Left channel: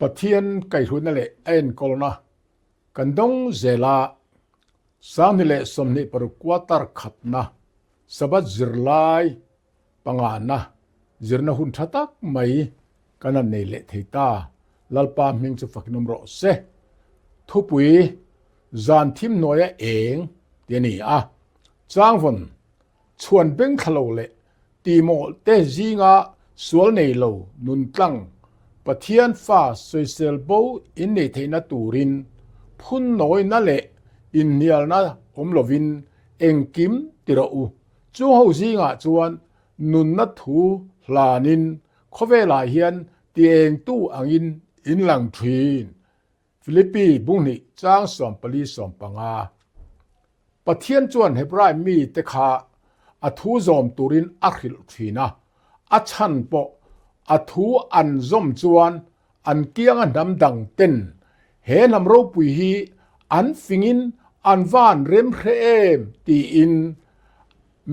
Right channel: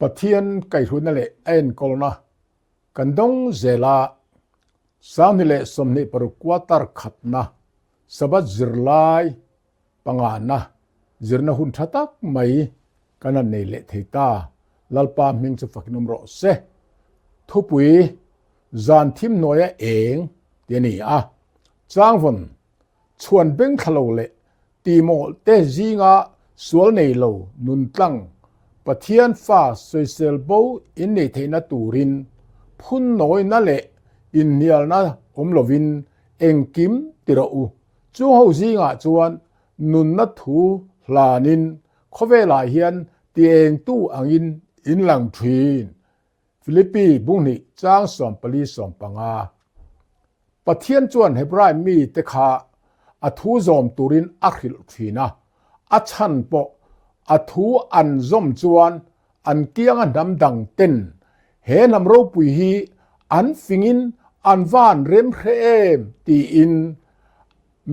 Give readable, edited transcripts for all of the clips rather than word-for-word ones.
ปะเทียนไก่ทุนนั่นแหละเอ็นกอลนะกันดงเจลาสามนี่แหละสมนิปรุกวาตารขับนะสบัดจิรไลปังานนะจิรนะหุ่นทัตักไม่กันนั่นนี่แหละที่ตาลัลปามิงจะฝักนุ่มรอเสทุบวีจานทิมน้อยเองเดี๋ยวนี้จางฝนชวนเบ่งขลุ่ยตีโมเตจีงาสวลในโลนุนตั้งปะเทียนฟ้าสวยเซลโบอินเนเทนตูรินพุ่นน้อยนั่นแหละอินเนียลนะลวินเองกิมติระอูจูเฮาจีงาจวนนุนนัททูลานินขเวลาเฮียนตีเองตู้อังอินหลังทีนฟิลิปปีบุงนี่จางสอมปลีสอมปังาปะเทียนจวนให้ปรายมีเตคาอทูซอมตูรินอัคิลทีนะอัชันปออทูอันซอมจวนอันเกียงอันดำดังเต้นเฮนำรูปุยฮีอันฟิงินอันวานเรมเพรมตีอิน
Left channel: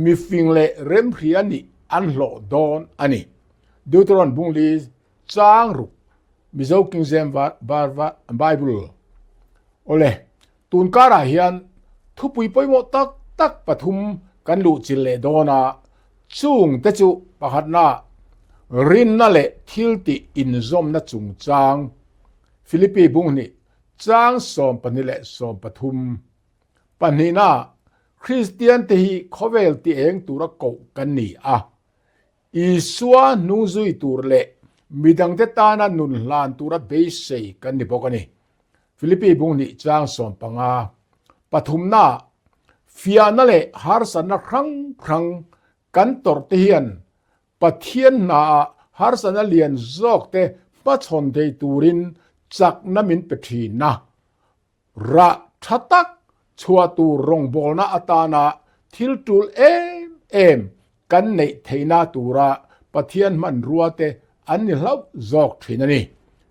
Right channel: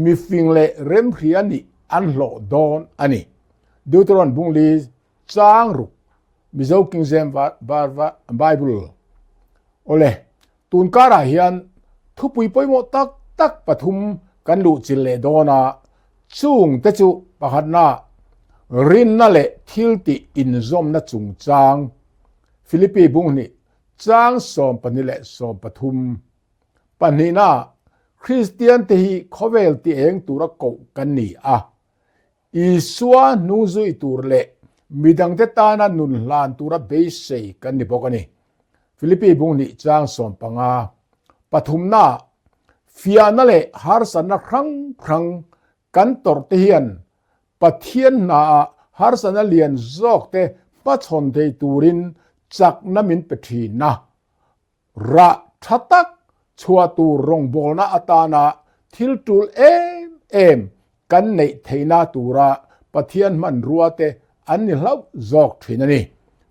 มีฟิงเลเรมเพรียนี่อันโหลดอนอันนี้ดูตรอนบุงลีจางรุมิเจ้ากิงเซมบาร์วาไบเบิลโอเลตุนการาเฮียนทุปุยปอยโมตักปฐุมกันลุจิเลดอนาจุงเตจุปะหัดนารินนั่นแหละทิลติอินซอมนะจุงจางฟิลิปปีบุงนี่จางสอมปนิเลสอมปฐุมปนินาคริสเตียนเตฮีขเวลติเองตุระโกกันนี่อีสัวนูซุยตุรเลมีดังเตตานานุนลานตุระเบสเซกันนี่บอกกันนี่ฟิลิปปีบุงนี่จางสอมปังาปฐุมนาฟิอานั่นแหละฮาร์สันนะครั้งกันตอร์เทียนปะเทียนนาฮาร์สันนะเลียนจอกเตปะชนเตตูรินจักน้ำมินเปทีนะระทัตักชัวตูรงบอลนาอัตานาทิลตูลเอ็มกันในเทนาตูระปะเทียนมันรัวเตอันนี้เล่าจอกทีนั่นนี่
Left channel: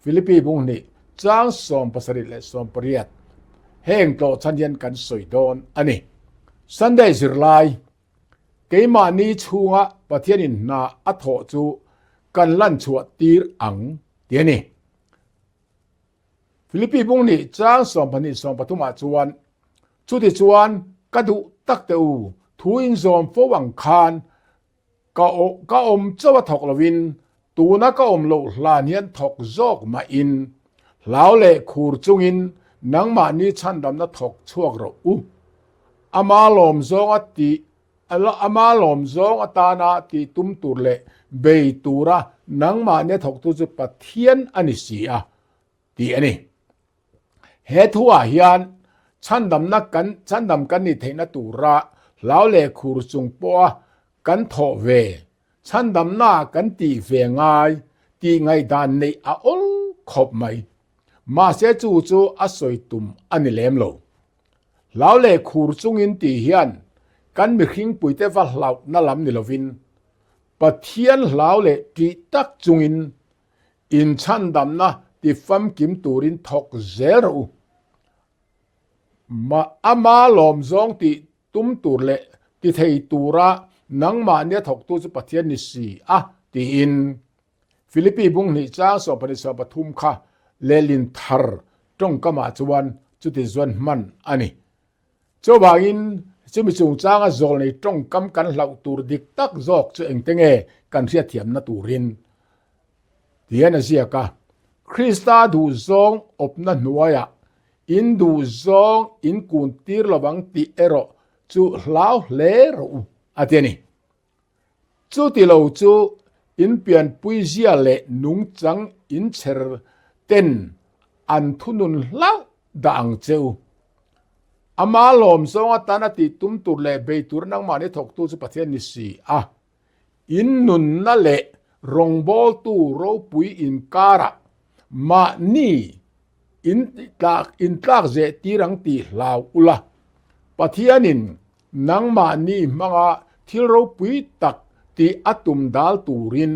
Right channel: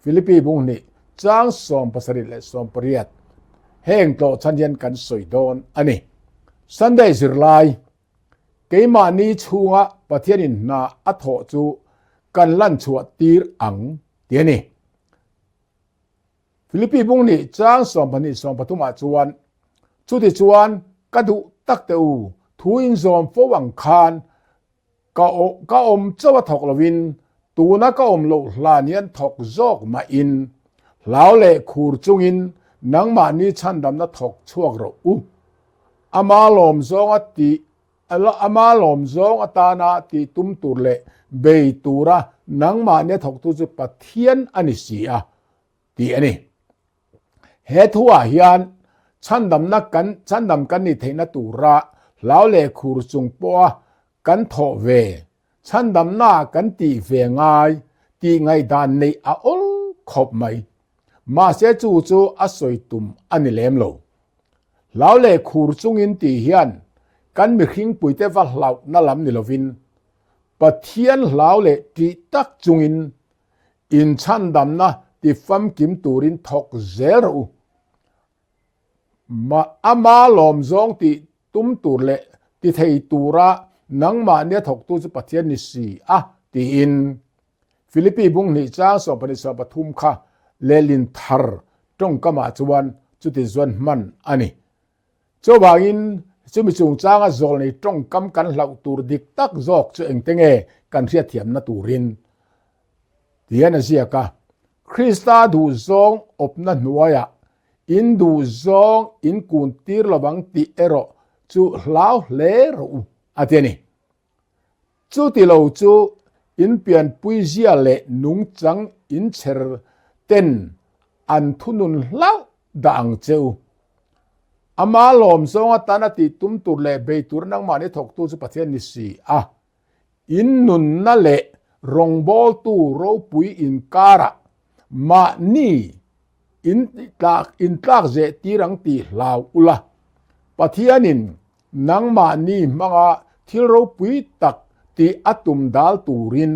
ฟิลิปปีบุงนี่จางสอมภาษาริและสอมปริยัตแห่งโตชันยันกันสวยโดนอันนี้สันเดจิรไลเกมานีชัวปะเทียนินนาอัทโธจูกันลั่นชัวตีร์อังเดียนี่ฟิลิปปีบุงนี่จางสอมพันิสอมปทุมาจวนจุดที่จวนกระดุตักเตอูทูอินซอมฟวังคานกะอมเจ้าถกลวินตูนักอมโลลาเนียนถกจอกมาอินลาวเล่คูรจุงอินนังมานีชันดำนัถกช่วงเราอามาลอมซองอติอามาลอมซองอตานาติตุมตุรเลเบยตูระนังมาเนี่ยถกตุจุปะเทียนอันนี้สีตีอันนี้เฮทัวเฮียนชันดำนักกันนี่เทนตูระลาวเล่คูรจุงปัวกันทอเวชันดำหน้ากันตีเวงายตีไงดานในอลขบไม่มาเสจูอสอยตุมอันนี้เลมโลลาวเล่คูรจุงอินตีเฮียนกันมีขิงปุยเตวัลลาวนั่ลำนิลวินปะเทียนลาวเล่ตีตักจุงอินชันดำนะตีฟัมกิมตูรินทอกเซรูมาอามาลอมซองตีตุมตูเล่ตีเทยตูระนังมาเนี่ยถกตัวจะปะเทียนนิสีตีอินฟิลิปปีบุงนี่จ้าสอบปนิสอบปทุมค่ะเลลินทาร์จงกมาจวนจุดที่จวนมันอันนี้เจ้าบ่าวินจะมีจุงจ้างจอลในจงกำกันเหล่าตูดิกตักจอกจะเองเตงกันเสียเทียมนาตูรินเดียนเสียกะคริสตาดูซองอบนันนัวยอินดูซองอินกุนตีร์ระวังตีเอโรจูลาวเลรูอาเทียนี่จูติโลจูอินเปลี่ยนปุยเจียเลนุงจังอินเชอร์เต็นอันทุนุนลาวดังเจ้าอามาลอมซองตานาติตุมตุเลเบยตุรนังมาเนี่ยถกตูสุปเทียนิสีอินนุนนั่นแหละรงบอลตูโรปุยอินการะมานี่อินตากเจตีรังตีลาวอุละปะเทียนินนังมานี่มังที่โรปุยตักตีอัตุมดาลตูริน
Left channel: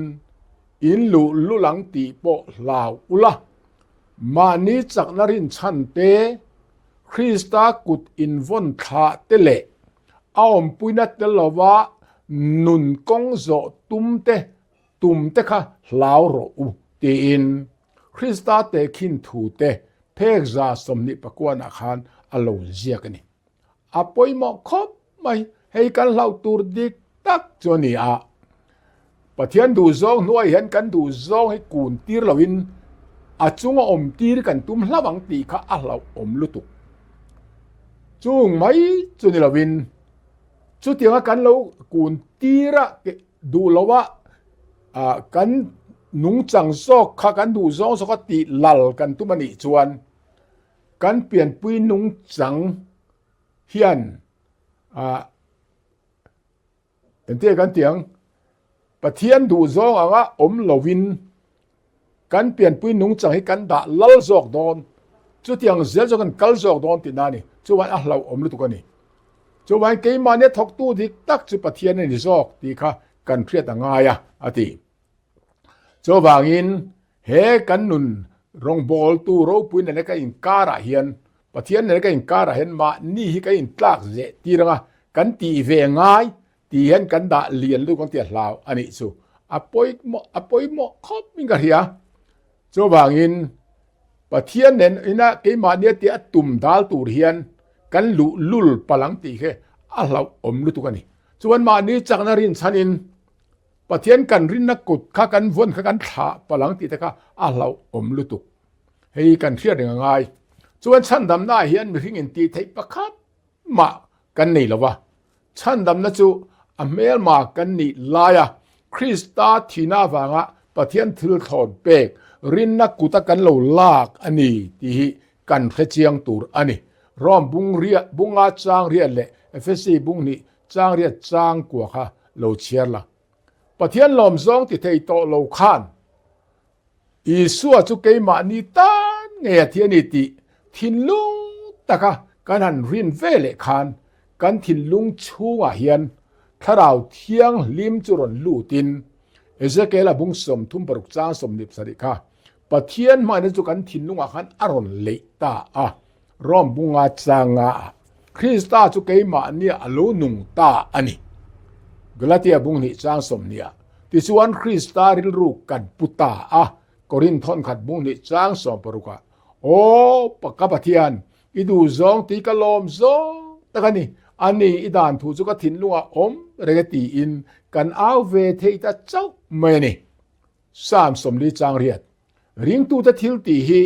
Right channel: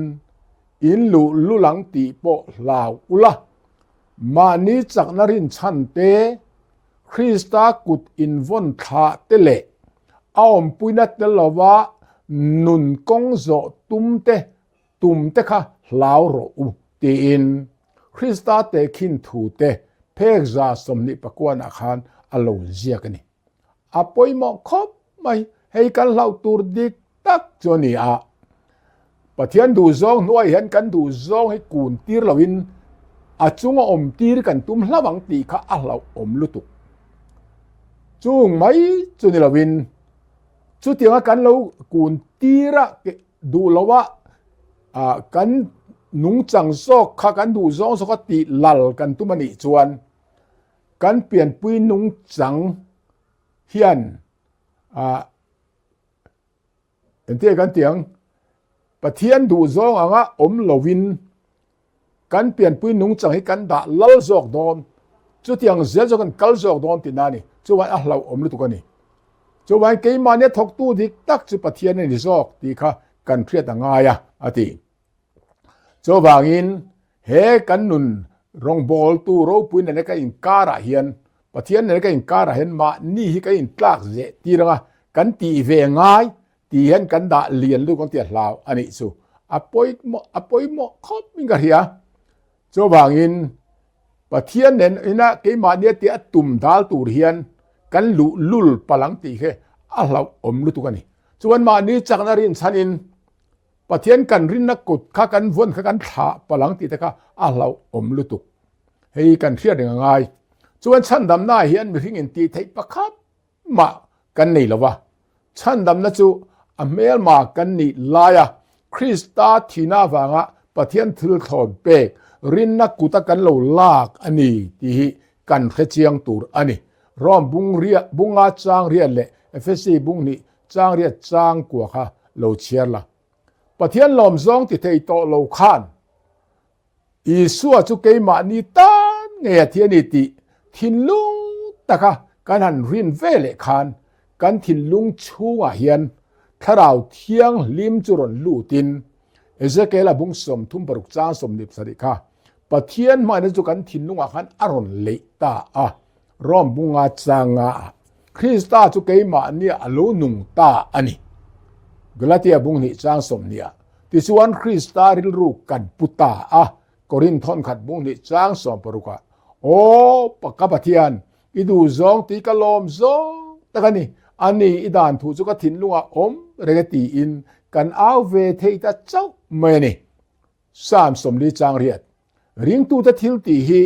อินลุหลังตีโปลาวอุละมานี่จักนรินชันเตคริสตากุดอินวนคาเตเลออมปุยนัตเตลวะนุนกงโซตุมเตค่ะลาวโรอุตีอิน คริสตาเตคินทูเตเพกซาสมนิปกวนอาคารอโลเจียกันนี่อปอยหมอคบไม่ให้กันเล่าตูรดิกตักจนี่อาปะเทียนดูซองหน่วยเห็นกันดูซองให้กูนตีรลวินอาจุงอมตีรกันตุ้มละบังตีข้าอาเราอมลุตุจุงไม่จนี่ลวินจุดที่ว่ากันเรากูนตีระดูแล้วว่ากันนุงจังซอกข้ากันดูซองสกติหลัลกันตุมันอีจวนกันเปลี่ยนปุยนุงจังเฮียนเห็นเตียกันเตียงปะเทียนดูซองว่าอมลวินกันเปลี่ยนปุยนุงจังให้กันด่าลัลซอกดอนจุดที่ยังเสียจกันกัลซอกดอนตินานี่จุวันเราอมลุตุกันนี่จุวันเกยมาเนี่ยทกตู้ดิตักจุปะเทียนนี่ซอกดีค่ะกันเครียดง่ายอาทิโจบางอินเฮกันนุนรองบอลตูโรปุยนั่นก็อินการะเฮียนปะเทียนนั่นก็อินการะเห็นมานี่ฮิก็อินตากเจตีระกันตีเวง่ายตีเห็นกันดาเลียนลูกกันเตียลาวอันนี้สุอปอยโมคอบมิงกะเฮียโจบางอินปะเทียนนั่นอินะเกมาเนี่ยเตียตุ่มดาลตูเฮียนกันลุลปะหลังตีเฮอะเราอมลุตุกันนี่ส่วนมานี้จักนรินชันินปะเทียนกันรินนักกุดข้ากันวนข้ากันถาปะหลังตีตะค่ะเราอมลุตุกให้กันเครียดง่ายส่วนฉันดำหน้าเฮียนมีหิงินตีไทยประคับมากันนี่ละวะฉันดำนะจูอเมลมากันนี่ลายะคริสตาทีน่าวางะปะเทียนถือถอดเปกรินนักกุตกันเหลาลากอันนี้ที่กันเขเจียงตูรอันนี้ร้อมบุงเรียบุงอาจางเรียนเลยเอฟซีบุงนี่จางเรียจางกว่าค่ะเหลาเชียร์ละปะเทียนลมซองที่เทโตโลคานอีสัวจุเกยมานีตานเงียเทียนิติทินลุงตะคะกันหันรินเวเลคานกันทินลุงชูงเฮียนถ้าเราเที่ยงลิมจุรนลู่ตินเอเซเกลบุงสมทุ่มปรุกจ้าสมนิบสริค่ะปะเทียนมาในจุกันทินลุงขันอรอนเลตาร่อมบุงอาจางาคริสตาจุเกยมาเนี่ยอโลนุงตาอันนี้กลาเตียบุงนี่จางสมเนี่ยที่ส่วนคริสตาริลรูกันปุตตากอรินทอนขัดบุงนี่จางสมปรุกะโอ้ปะกะปะเทียนอีดูซองตีกะลอมซองตะกันนี่อันนี้อีดานถูจุกะทินลุงอมเรกตีอินกันเอาเวเทตะเจ้าเมนี่สามสมลีจางเรียดริงตูตะทิลตีฮี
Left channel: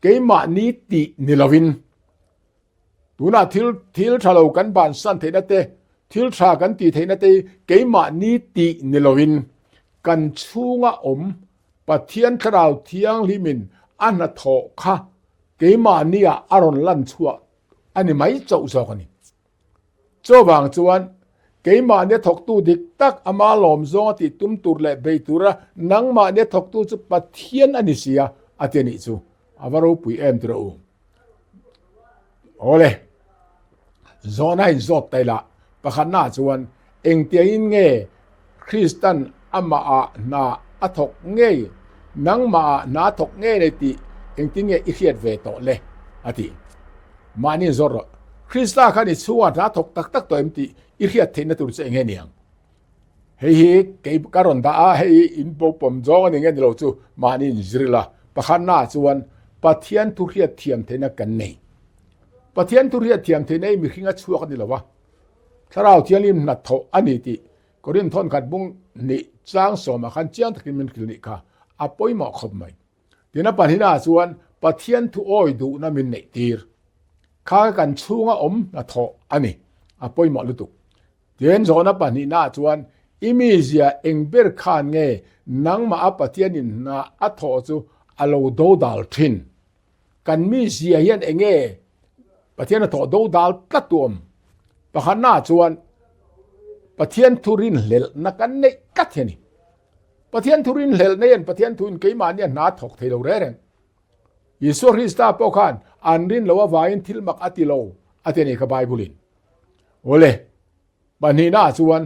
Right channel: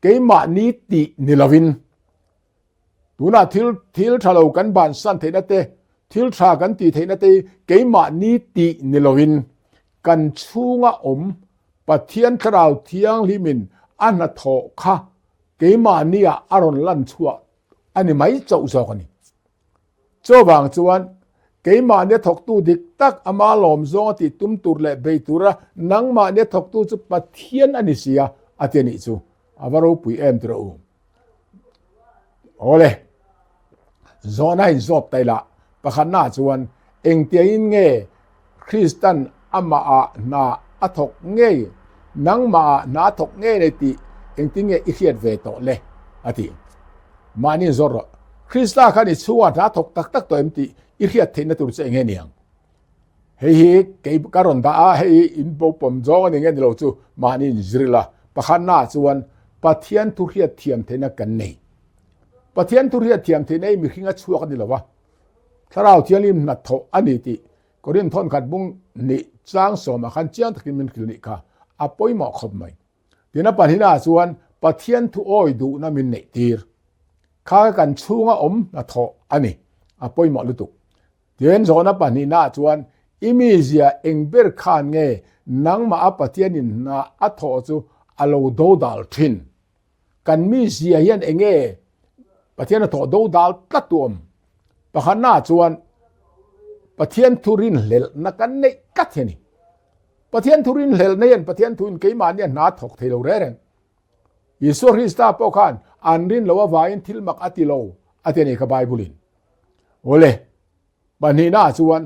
เกยมานีตินิลวินตูน่าทิลทะเลกันบานสันเทนะเตทิลทรากันตีเทนะเตเกยมานีตินิลวินกันชูงะอมปะเทียนคราวเทียงลิมินอันนะโถคะเกยมานีอารอนลันชัวอันนี้ไม่เจ้าซอกันนี่โจบางจวนเกยมาเนี่ยถกตูดิกตักอามาลอมซองติตุมตูรและเบตูระนังมาเนี่ยถกตูจุปะเทียนอันนี้เสียอาเทียนิจูอาวารูปุยเอ็มตระอูโอเลซอนให้ซอดไตละปะขันหน้าจวนเองเตียอินเงคริสตันอามานาอถกเงนังมานาถกเงในติเองติเงอิเขียดเวโตเลอติมานี่ซอรคริสตาคันอิชัวนาถกตักตัวเอ็มติอิเขียดเทนตุรเจเงเนียงเฮ้ยเก็บการอนตาเฮ้ยอินโปปมจองเงนเราจูมานี่จริละปะขันหน้าจวนปะเทียนทุเรียเทียมเทนกันเนปะเทียนทุเรียเทียมเทนมีขิงชัวกันนี่ละวะถ้าเราเทียนลิมนัดโถอันนี้ติก็เรียนทอนขัดบุงนี่จางสมขันเจียงตะกินมันคลินิกค่ะอปอยหมอขบไหมเดี๋ยวนับปัญหาส่วนปะเทียนทุอ้อยดูน่ามินเนตีร์ข้ากันชูงอมนัดโถอันนี้อปอยหมอลุตุเดี๋ยวนับนับปัญหาส่วนอิมิเซียเองเบอร์คานเงนังมาปะเทียนินนาอัดโถจูอโลโดดัลทินกันมิเซียเฮียนเองเงปะเทียนโถโดดัลตัดตัวปะขันหน้าส่วนปะเทียนทุรินเลลนักกันเนกัดเฮนี่ปะเทียนทุรินเลลเนียนปะเทียนทุนเกยมาเนี่ยนาถกเทโลเรเรนยิสุคริสตาปอคันอันรินลวะวายินทิลมักอติโลอตินี่ขบายบุลินโอเลบันนี้น่าส่วน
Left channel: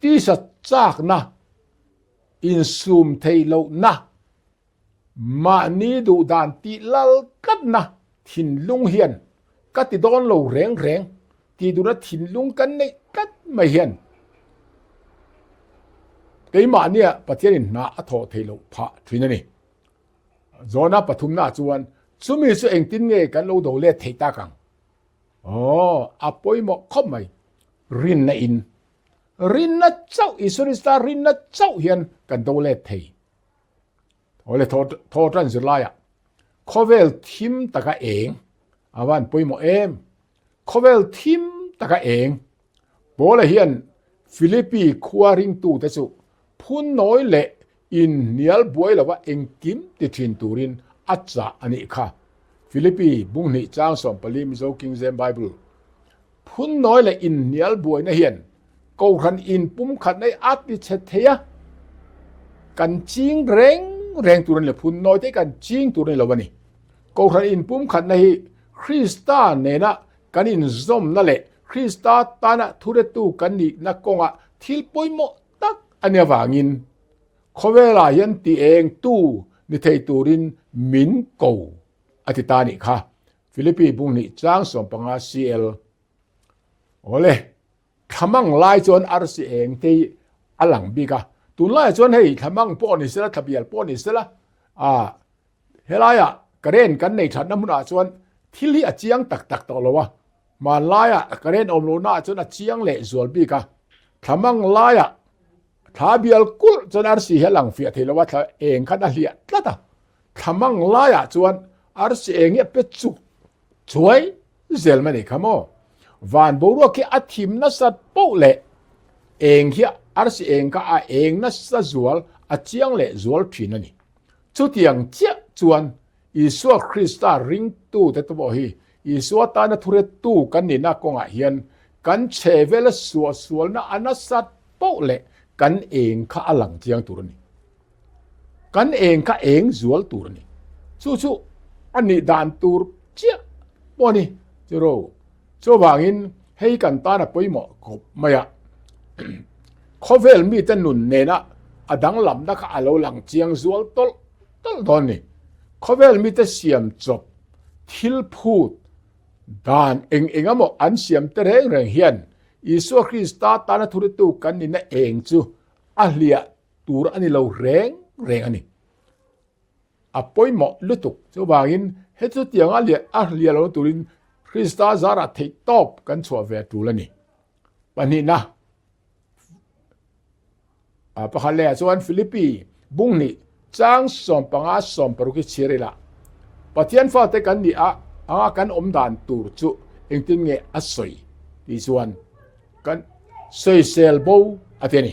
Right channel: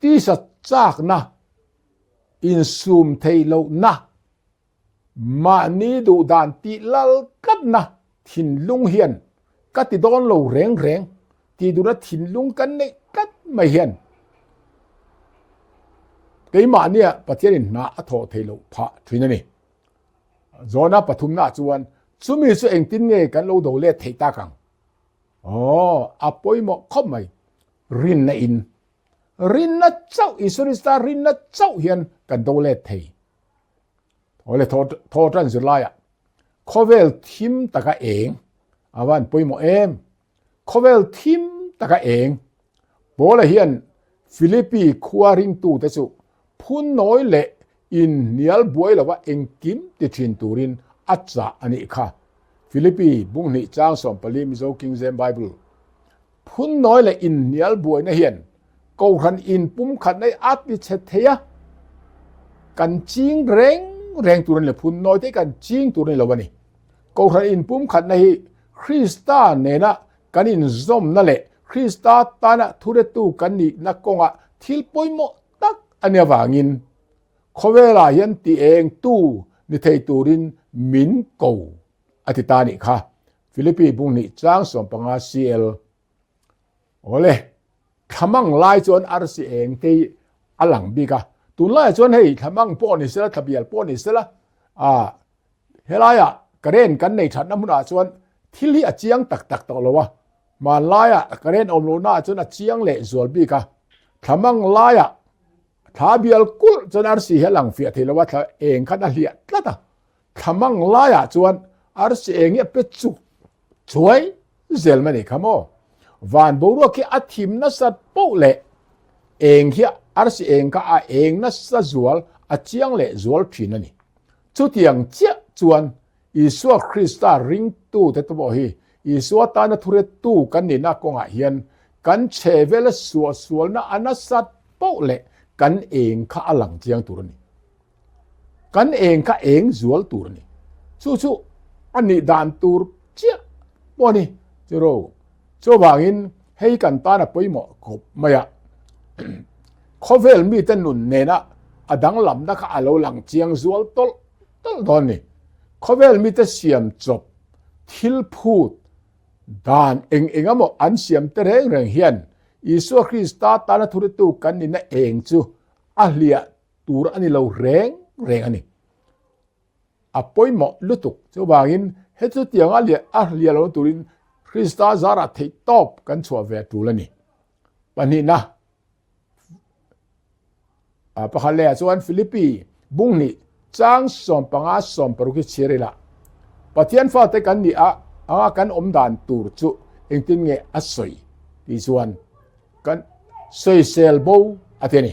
ที่สัจจากนะอินซูมเทโลนะมานี่ดูดานติลลกันนะทินลุงเฮียนกัดติดอนโลเร่งที่ดูนะทินลุงกันเนกัดไม่เห็นเกยมาเนี่ยประเทศนี้น่าอัฐเทโลพะทีนั่นนี่ zona pathumna chuan chumi chu engtin nge kan lo do le theita kang apoi mo khomai rin na in rin na chau isurista rin na chau hian kan do le thei ole tho tran zilaya khovel thim taka eng awan poimo em khovel thim taka eng bola hian Philippi khuaring tu te chu phun noi le in nial buai lawa engkim ti thin turin acha ani kha Philippi bungni chang som pali mizo King James Bible phun noi le in nial buai na hian ko khan in pum khat nei at ti chet theya kan ching reng turin le phun noi te kan ching turin lawani ko khan in pum khat nei Krista nena kan in zom na le Krista tana thure tu kan ni na konga thil poimo tak ania wangin khowela hian ti eng tu ni thei turin min ko atitani kha Philippi bungni chang som panga CL ole thamang lai chon RC eng te alang bika tun lai chon hei thamang po ni sela thabial po ni sela helaya karen kan nei that namuna chon thil hi achiang tak tak to lowa ma laya karen omlo na chon achiang le zol bika thamang laya thabial kul chon RC helang fi thilawa tha eng khan a hlia tlata thamang laya chon RC eng e pe chu choi zel mani khamo van boru ke athim na sat po le eng hi RC eng ka a eng na sa zual achiang le zual phin ani chu tiang chia chuan Isua Krista ring tu te to hi Isua ta na thure tu kan ni na konga hian kan chevela sual na anasat po le kan eng kha alang chiang turani kan eng kha eng zual turani chu ani dan tur chia poni chero cho wangin hei kan ta na poimo khop maya khovel mi tan nun ne na adang lam na kha alo lang chiang zual tol don ni khovel mi ta siam chop thil phut dan engamo an siam te reng hian Isu Krista ta na thuri tu kan ni na eng chu ahlia tur ani lo reng ani apoimo lutuk chu wangin he chu tiang ahlia lo turin Krista zara thei top kan chwa ve tulani pani na pakhale chuan Philippi bungni chang som panga som paruki chirila pathian fa te kan ni anga kan omdan tur chu engtin nge asoi ti chuan kan soi sel bo ateni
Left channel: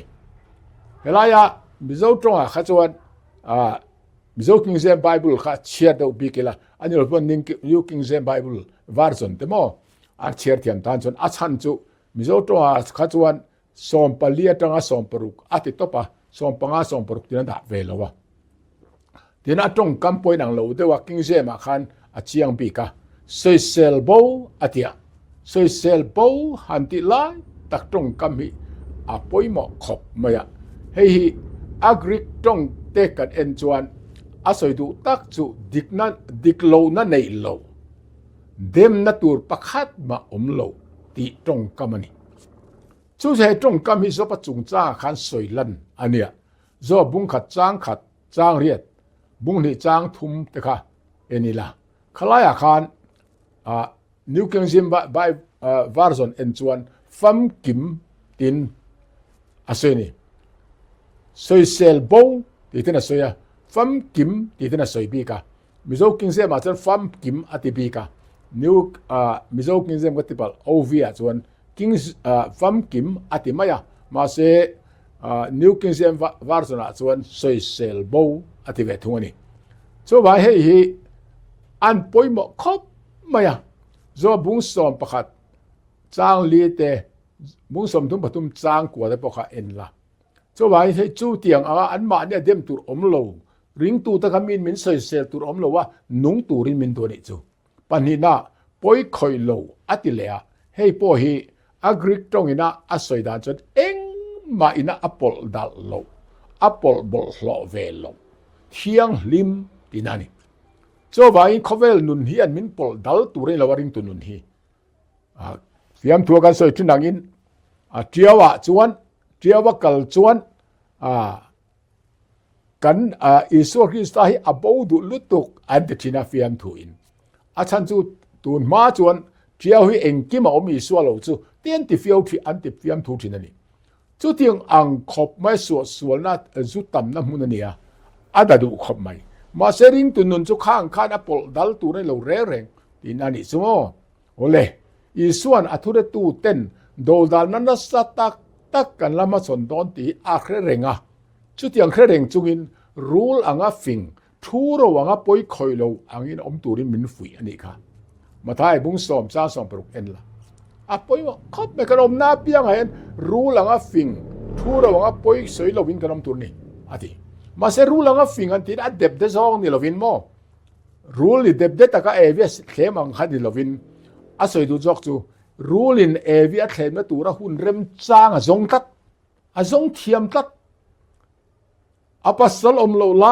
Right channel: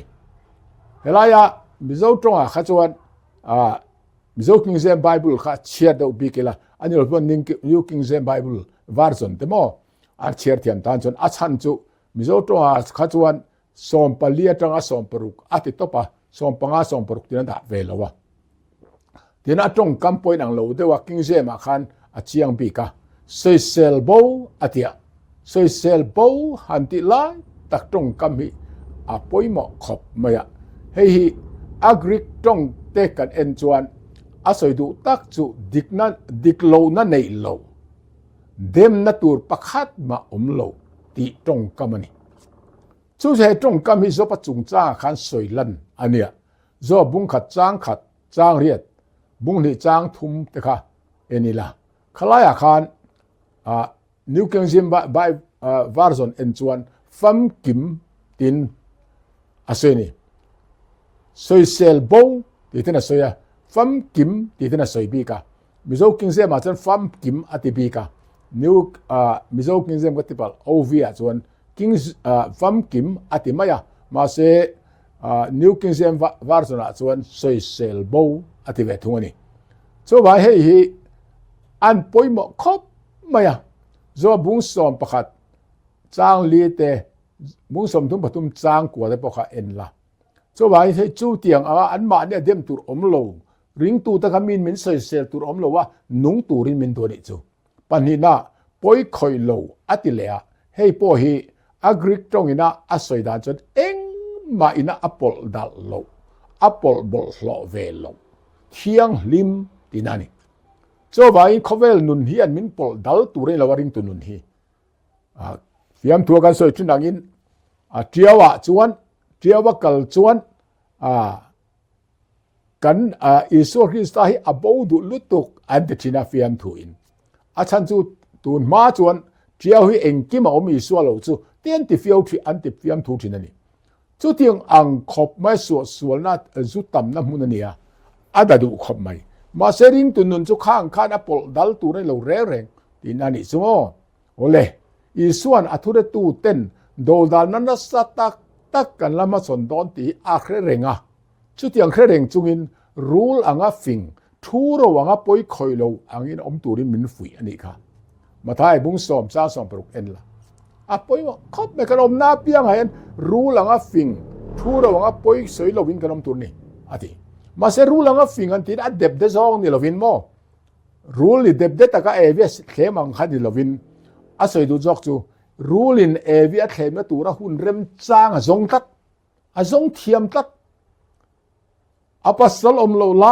helaya mizo tonga kha chuan mizo King James Bible kha chia do bikela ani lo ning New King James Bible version temo a chiar thiam tan chon a chan chu mizo tonga kha chuan som palia tanga som paruk ati topa som panga som paruk tin da velowa tin atong kampoi nang lo de wa King James khan a chiang bika soi sel bo atia soi sel bo hanti lai tak tong kami apoimo khop maya hei agrik tong te kan en chuan asoi du tak chu diklo na nei lo dem na tur pakhat ma lo ti tong kamani chu se tong kam hi zo pa chung cha khan soilan ania zo bung khat chang riat bung ni chang thum te kha enila khalaya khan New King James version en chuan fam kim tin aseni soi sel bo ti tena soya fam kim ti tena soi bika mizo King James ma chuan fam kim ati bika new mizo King James katipal ovia chuan King fam kim ati maya ma se New King James version a chuan soi sel bo ati ve thungani so ba hei hi an poimo khop maya zo bung som pakhat chang li te bung som thum patum chang kwa te pakha en la so ba hei chu tiang an ma ne dem tur omlo ring tu ta kamin min soi sel tur omlo wa nung turin min to ni chu panina poi khoi lo atilea hei po hi agrik tong ina asoi dan chon eng ma ina apol dal lo apol bol lo ve lo thiang lim tinani so vai khovel nun hi an min pol dal ture lawaring tu nun hi fiam thua kan soi thinangin tiawa kal chuan กันอิสวคริสต์ให้อบูดุลุตุกอันเดชินาฟิอัมทูอินอาชันจูตูนมาจวนเที่ยวให้เองกิมาอมอิสวโลจูเตียนติฟิโอที่อันติฟิอัมทูทินันนี่จูเตียงอังขบไม่สวนัดจุตัมน้ำมุนเนี่ยอาดาดูขบไม่มาเสริงตุนุนจูข้างข้านับปลดัลตูในโลเร่เร่งที่นั่นนี่จูโอเลอิสวนอัทุเรตูเต้นโดดานันสตักตักกันละมาสนดอนตีอาเครเร่งจุดยังเครเร่งจุงินรูลอังอาฟิงทูโรวังอาปอยคอยโลอังอินอมตูริมินฟุยอันนี้ค่ะมาท้ายบุ้งสอมจ้าสอมปรุกเอ็นละอาปอยว่าคบไม่กันอมนาเปียงเห็นรูลอังอาฟิงทูโรวังอาปอยสวยโลวินกันอมตูนี่อันนี้มาเสรูลอังอาฟิงอันที่อัดเด็บเดซองนี่โลวินโมรูลเด็บเดตะก็เอวิสเข้มอังคัดนี่โลวินอาศัยดูจอกจูรูลินเอวิสเข้มตัวระหุ่นเริ่มจ้างจงตัดจงเทียมตัดอาปัสสลอมโลไล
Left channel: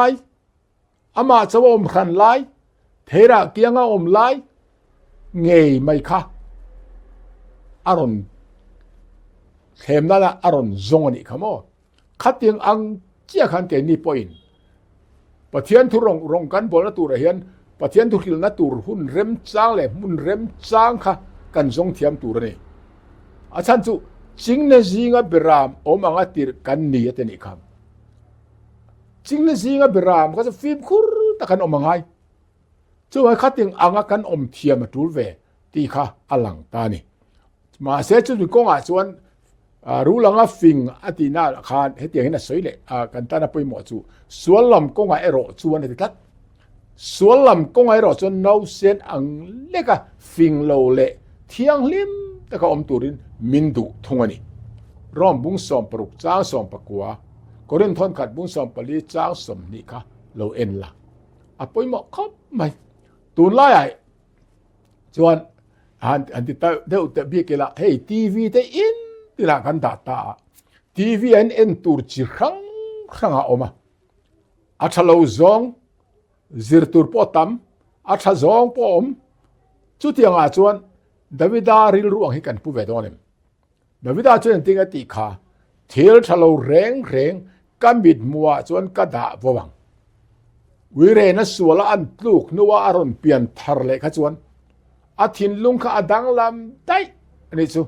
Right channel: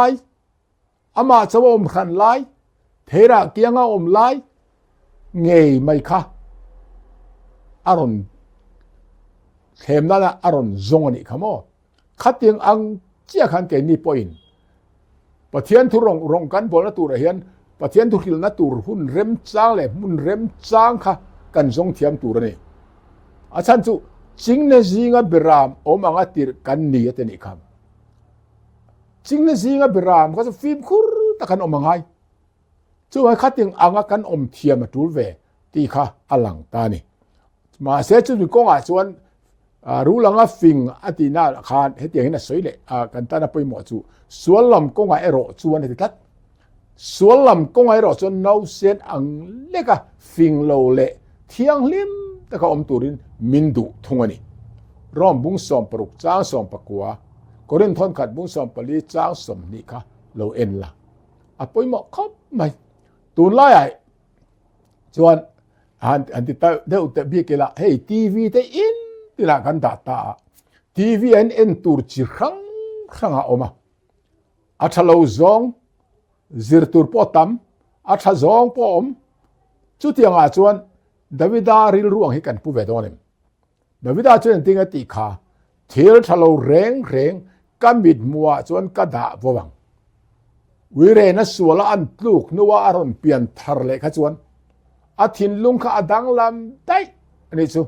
อามาชาวอมขันไลเทระเกียงอมไลเงยไม่ค่ะอารอนเข็มนั่นละอารอนจงนี่ขโมขัดยังอังเจ้าขันเกนี่ปอยน์ปะเทียนทุรงกันบอลตัวเฮียนปะเทียนทุริลนัตัวหุ่นเร็มจ้างเลยหุ่นเร็มจ้างค่ะกันจงเทียมตัวนี่อาจารย์จูจริงนะจริงอ่ะเบรามอมังอ่ะตีกันนี่เตนี่ครับจริงนะจริงอ่ะเบรามก็จะฟิล์มคุรตะกันอมังไงจู่ให้ขัดยังอังกันอมเทียมมาตูเวตีค่ะอลังตานี่มาเสียจุดก็อ่ะส่วนรู้ลังอ่ะฟิงอติน่าคานให้เตียงน่ะสวยเลยกันตาน่ะไปหมดจู่ส่วนลำก็อ่ะเอโรส่วนที่ตัดส่วนลำก็อ่ะเอโรส่วนน้าเส้นอังเล็กอ่ะฟิงโลเล่เที่ยงลิมแต่ก็อมตูรินมินดูทงอันนี้ร่อมบุ้งสอมปรุกจ้างสอมปะกัวก็เรื่องทอนขัดบุ้งสอมปลีจ้างสมนี่ค่ะเราเอ็นละอ่ะปอยหมอกครับไม่ตูนไล่ส่วนอันที่เดี๋ยวจะบีกละเฮ้ยทีวีแต่อินที่ละกันตาทีวีเอ็นตูร์จีครั้งออกมาอาชาเราจงซิร์ตูร์ปอตัมอาชาจงปอมจุดที่อ่ะส่วนดาวิดาริลรู้อังให้กันผู้เวดอนดาวิดาช่วยติงติขาเทียร์ทะเลเร่งกันบิดมัวจนกระดาษวังวิเรนัสวลอันลูกนัวอารอนเปลี่ยนทาร์เล็กจวนอาทินลุงข้าดังลำได้อันนี้ซู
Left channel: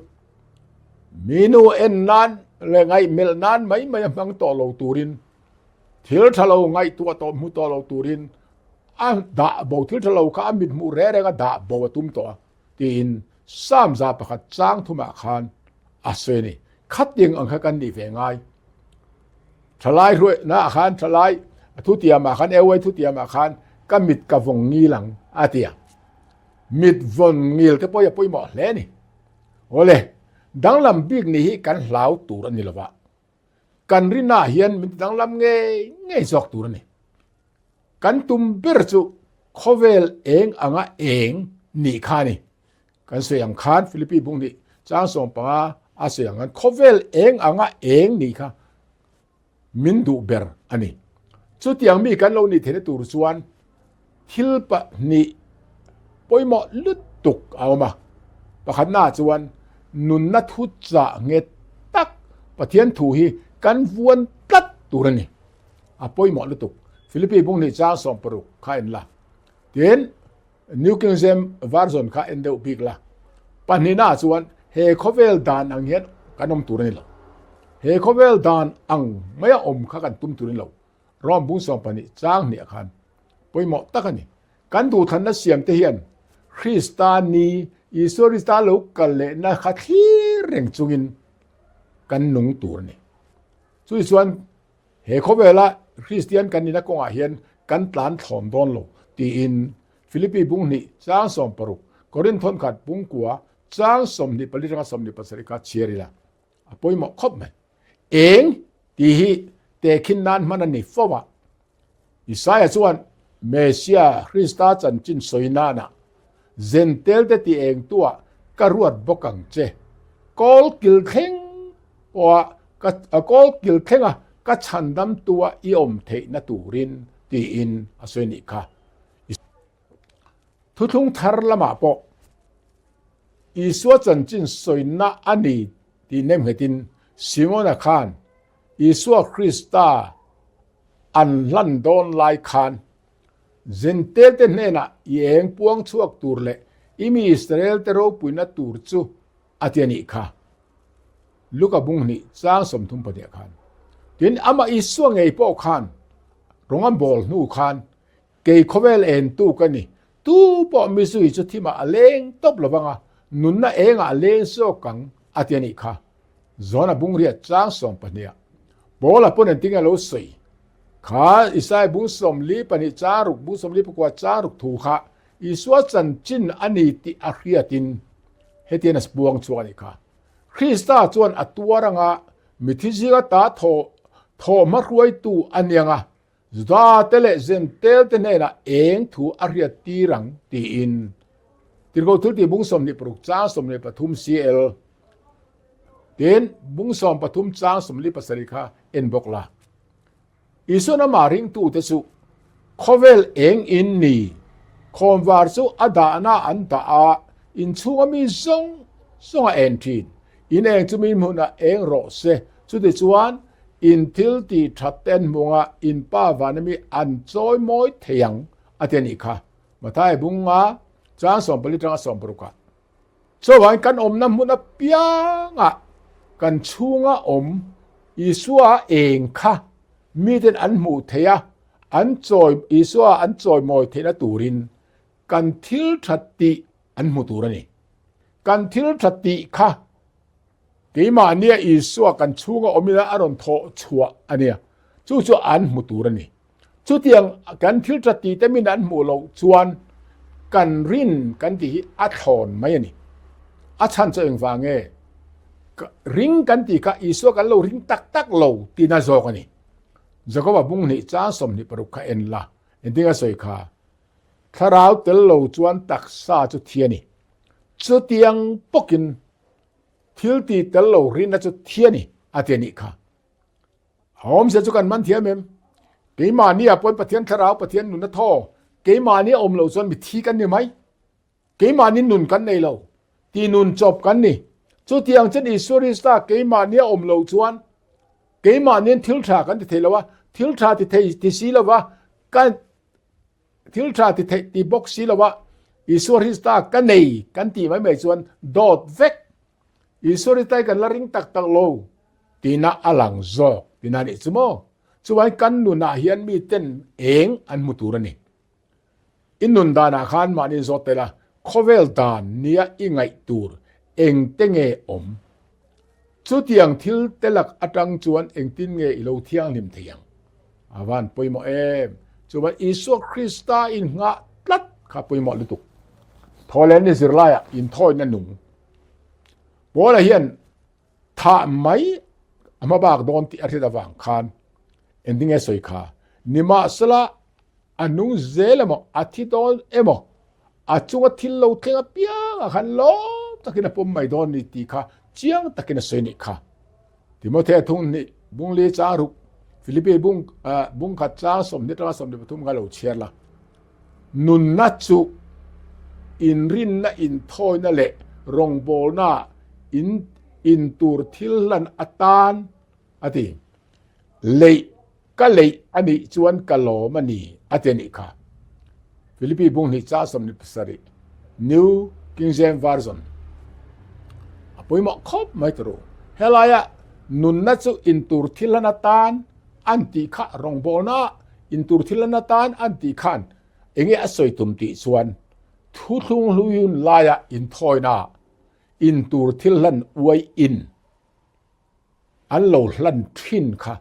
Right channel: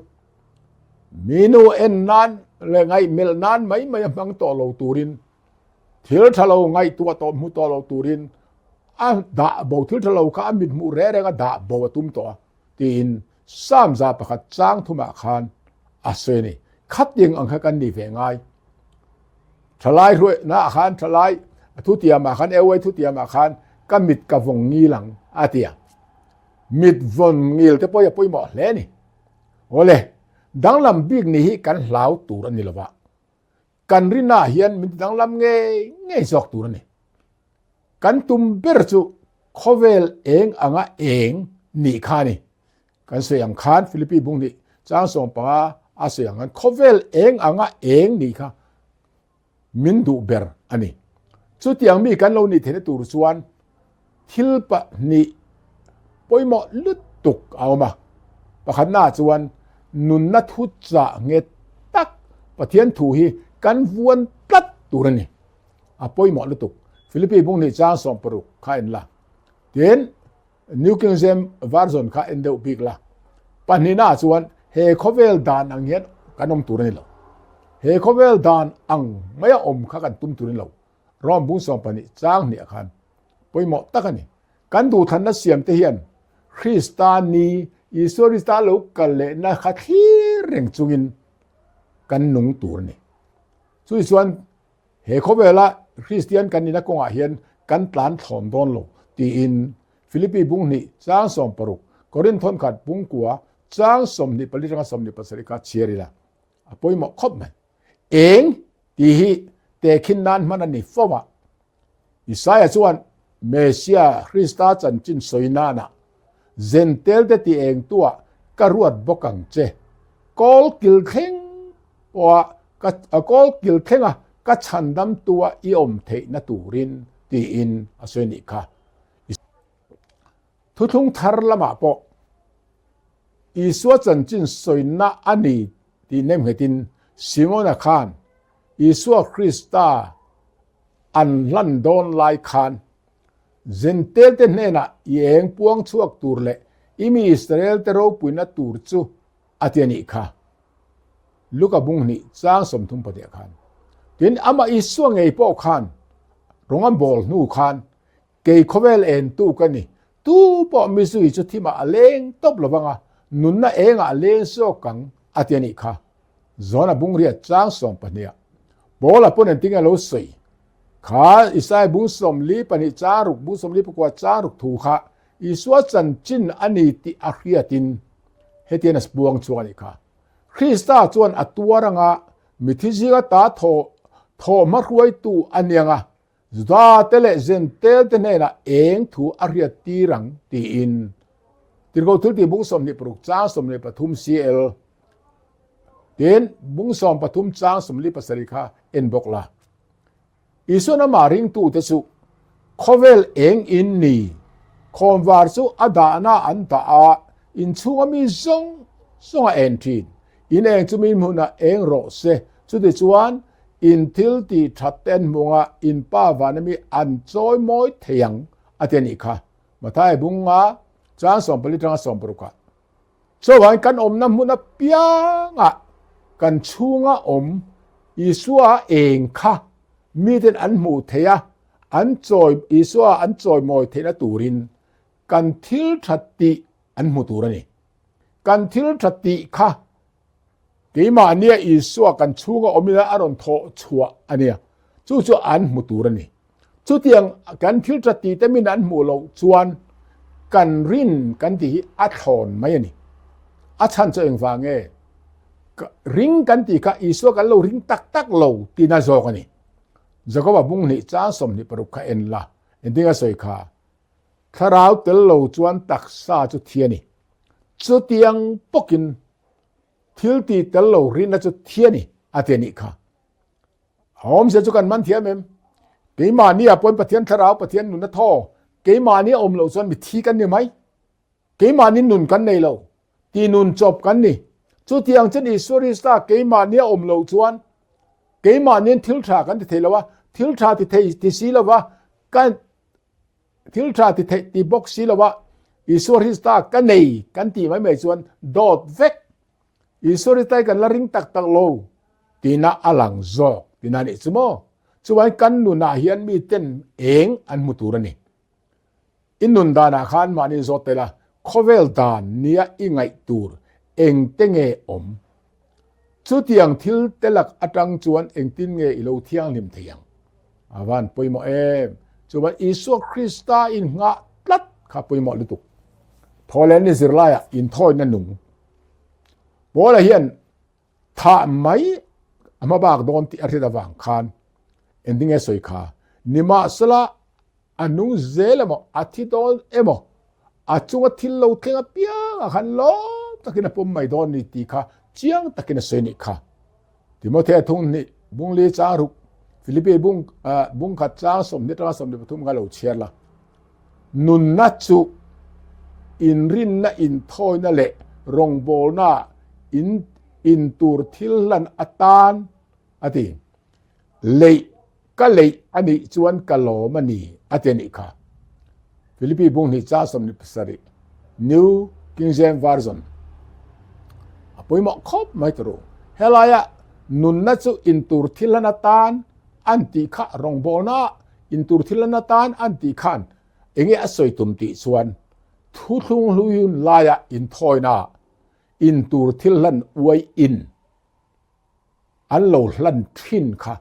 มีนูเอ็นนันเลยไงเมลนันไม่มังตัวเราตูรินเทียร์ทะเลไงตัวโตมุตัวเราตูรินด่าบ่เทียร์ทะเลข้าบิดมูเร่ก็ด่าบ่ตุ้มตัวกินสามจาประคัดจ้างทุมาคานอาศัยนี่คัดยังอังกันดีเวงไงทลายรวยนะอาคารทลายทุติยมาคานเอาไว้ทุติยมาคานก็มิดกับวงงีหลังอาเตียมิดวงงีลก็ป่วยหมดเลยนี่โอ้เลยดังลำบิ๊กนี่กันเหลาตูรันนี่ละวะกันรินาเฮียนมิดดังลำเงยจอกตูรันนี่กันตุมเบรจูโคเวลเองอ่างเองนี่ขานี่กันเสียงคานฟิลิปปินส์บุ้งนี่จ้างส่งปะอาเสียงกันโคเวลเองอ่างเองนี่ค่ะมินดูเบอร์อันนี้สุดที่ยังมีกันเรานี่เทนตูรส่วนทิลปะนี่ปอยหมอลุดตุกเอามาประคันหน้าส่วนนุนนัทุจะเงตักประเทียนถูฮีกันวนตัดตูรนี่ปอยหมอลุดตุกฟิลิปปินส์บุ้งนี่จ้างส่งปรุกข้าเอ็นละเห็นนิวคิงเซมวาร์ซอนข้าเอ็นเดอบิกละปันนี้น่าส่วนเฮโคเวลดานอังเห็นกันอมตูรนี่ละเฮโคเวลดานอังไม่อมข้ากันตุ้มตูรนี่ละรอมบุ้งส่งปันนี้จ้างเนี่ยคันปอยหมอตักนี่กันดูทันนัสเซียมเทียนคริสตานีอิสริสตาลูกกันเลยนะขัดที่เร่งจุงินกันหนุ่งตูรนี่ส่วนเฮโคเวลคริสเตียนกันนี่นะกงอาเฮียนกันตานถอมโดนโลตีอินฟิลิปปินส์บุ้งนี่จ้างส่งปรุกก็เรื่องทนขัดบุ้งกัวจ้างส่งนี่ผลิตภัณฑ์ส่งนี่ภาษาอังกฤษเชียร์ละปอยหมอครบไหมเองที่แต่ขินนั้นมันนี่ฟ้าอิสายส่วนเมสยาคริสตาจันจินสวยนานะเซนเตลเดตีเองตัวกรวดบกังเจกอลกิลเข่งว่ากอลกิลเข่งก็ฉันดำตัวอีอมเทนตูรินตีอินอสวยนี่ค่ะทุกทาร์ละมาปออิสวจันจินสวยนาอันนี้ที่เนมเหตินซิโมนาคานอิสวคริสตา อันลั่นโดนลายคานจินเตลเตเนนะเองปวงชวกตูรเลอิมีอิสราเอลเตโรปุยนะตูรจูอาเทียนิค่ะลูกบุงนี่จ้างสมทุมปะเดียคานดินอามาอิสวงไงปอคานรงอันบอลนูคานเกยโคเวลเอ็นตูกันนี่ตูปอมิซุยจะที่มาเลงตบระวังอ่ะนุนน่ะเองอ่ะเลงโซกังอาเทียนิค่ะจอนะบุงเรียจ้างสมปะเนียบอลละปนติงะโลใส่ขาอิสายบุงสมลีปนิจารุกบุงสมลีปกว่าจารุกถูค่ะอิสวาจันจินอันนี้ติอาครียตินเฮตินัสบวงชวนอีกค่ะคริสตาชวนอัตัวรังอ่ะมิทิจิกตาโทมารวยตูอันยังอ่ะจาเตเลเซนเตลเตเนนะเองถูอาครียตีรังตีอินติโกทุติบุงสมลีปรุกจ้าสมลีปทุมซีเอลเดนบุงสมปทุมจ้าสมลีปสริกาเอ็นบอกละอิสุนามาริงตูเตสุคอเวลเองอินนีคอมวาร์สุอาดานาอันตาอินชัวมีซงเอ็นทีนอินเองจะมีมุนาเองโรเซสุดที่ชวนอินทิลตีทัดเต็นมัวอินป้าวานมีอันจอยมอยเทียงอาเทนิค่ะมาท้ายบุงมาจ้าสมปริจ้าสมปรุกัดสวรรค์กันอมน้ำมุนาเปียงะกันชูงะอมอิสัวเองค่ะมีแต่อันหมู่เทียอันจอยอิสัวอันจอยมอยเทียตูรินกันทิลทัดติอันหมู่ตูรนี่กันทิลทัดติค่ะกีมาอันเนี้ยอิสัวกันชูงะอมินะอารมณ์โถชัวอันเนี้ยจู่อันหมู่ตูรนี่จู่เตียงกันทิลทัดติแต่มีอันหมู่เราชวนกันรินกันที่อัดถอนไหมนี่อัดชันจะเองฟังเงริงกันที่กับอิสัวกันเราริงตักเราตีน่าจอกันนี่จะก็ว่าบุ้งนี่จ้าสมนี่ปรุกเอ็นละเอ็นที่ก็สวยค่ะถ้าเราเตลเราจวนตักซาจุดเทียนี่จุดยังปกินทิลตีเตลเรารินจุดเทียนี่อาเทียนี่ค่ะหอมเสียจุกันมันเทียมเองกีมานี่ปนปะเทียนถ้าเราปะเทียนหนุนท่อกีมานี่อมเราจวนมีทีกันนี่ไหมกีมานี่หนุนกันในเราตีหนุนจบกันนี่จุดยังจะนี่สุริสตากีมานี่อมเราจวนกีมานี่ทิลทากันที่เทลว่าทิลทาที่สีละว่ากันทิลทาที่บ็อกสีละว่าอิสุริสตากันในกันที่ไม่ส่วนดอดเวกอิสุริสตากันละริงตักโลตีน่าอลังโซตีน่านี่สมอส่วนกันนุนาเฮียนมีเต้นเองอันมุตุรนี่อินนุนดานาขานมานี่โซเตละโคเวลดานเนียอิงไงตูรเองเตงเออมสุดยังทิลเตลักอัตังจวนเองตินเงอิโลเทียงนิมเทียงอาวันปุยโมเอมจวนอิสุคริสตาอินงะตัดข้าปุยโมลุตุกทอเลนิสิรลายอินทอยนันนุงโบราเฮียนถ้าไม่อามาบากโดนที่อาทิตย์ละวังคานเอ็นดิ้งเอสอยคานิมาสละอันนุงเซลโมอาทิตย์โดนเอโมอาจงทิลโลเทียงเปียขันโลตะกินปุ่มไม่โดนนิติค่ะเจียงตะกินเสนิค่ะที่โมเททุนนี่บุงเลจารุกฟิลิปปินส์บุงขัดจ้าสมนิตราสมนิปทุมกาโลเชียละนุนนัดจุอินรินนะอินทอยนั่นแหละรงโบนาอินตูร์ทิลลันอัตานอติเลยก็เลยอันนี้ชวนกะโลมันนี่อตินิค่ะฟิลิปปินส์บุงนี่จ้าสมนิปสริ New King James Versionปุยหมอกคบไม่ตรู้เฮลายะนุนนัดจุอินตูร์ทิลลันอัตานอันติขะรงโบนาอินตูร์ทิลลันอัตานอันติขันเองอสวยตุมติส่วนทุลุงลุยุนลายะอินทอยนาอินตูร์ทิลลันอวยอินอันโลลันทินค่ะ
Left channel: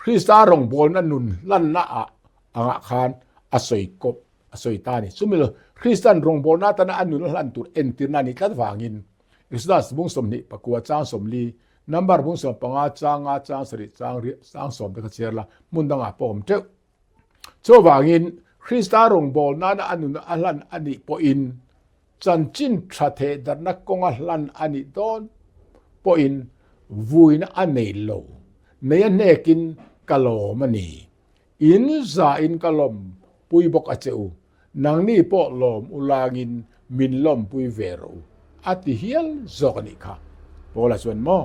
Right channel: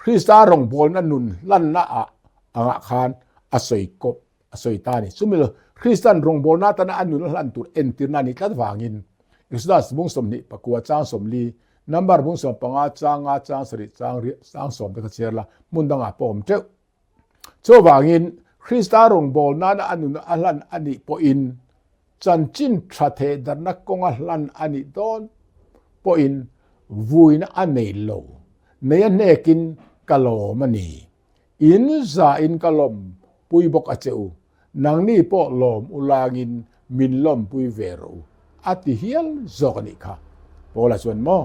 คริสตารงโบนันนุนลันนาอะอ่างคานอสวยกบอสวยตานี่สมัยเลยคริสตันรงโบนาตนะอันนุนลันตูร์เอ็นตินานิกัดวางินอิสดาสบุงสมนิปะกัวจางสมลีนัมบาร์บุงสมปังอาจางสริจางสมตะเชียร์ละมุนดังอาปอมเจ้าโจวางินคริสตารงโบนาอันนุนอัลลันอันนี้ปออินจันจินทรัเทดันนักกงอัลลันอันนี้โดนปออินวุยนอันเนโลเนียเนกินกะโลมันนี่อินซาอินกะลมปุยบกอเจอูนางนี่ปอลมอุลางินมินลมปุยเวรูอัติเฮียลจอกนิค่ะโปลาส่วนมอ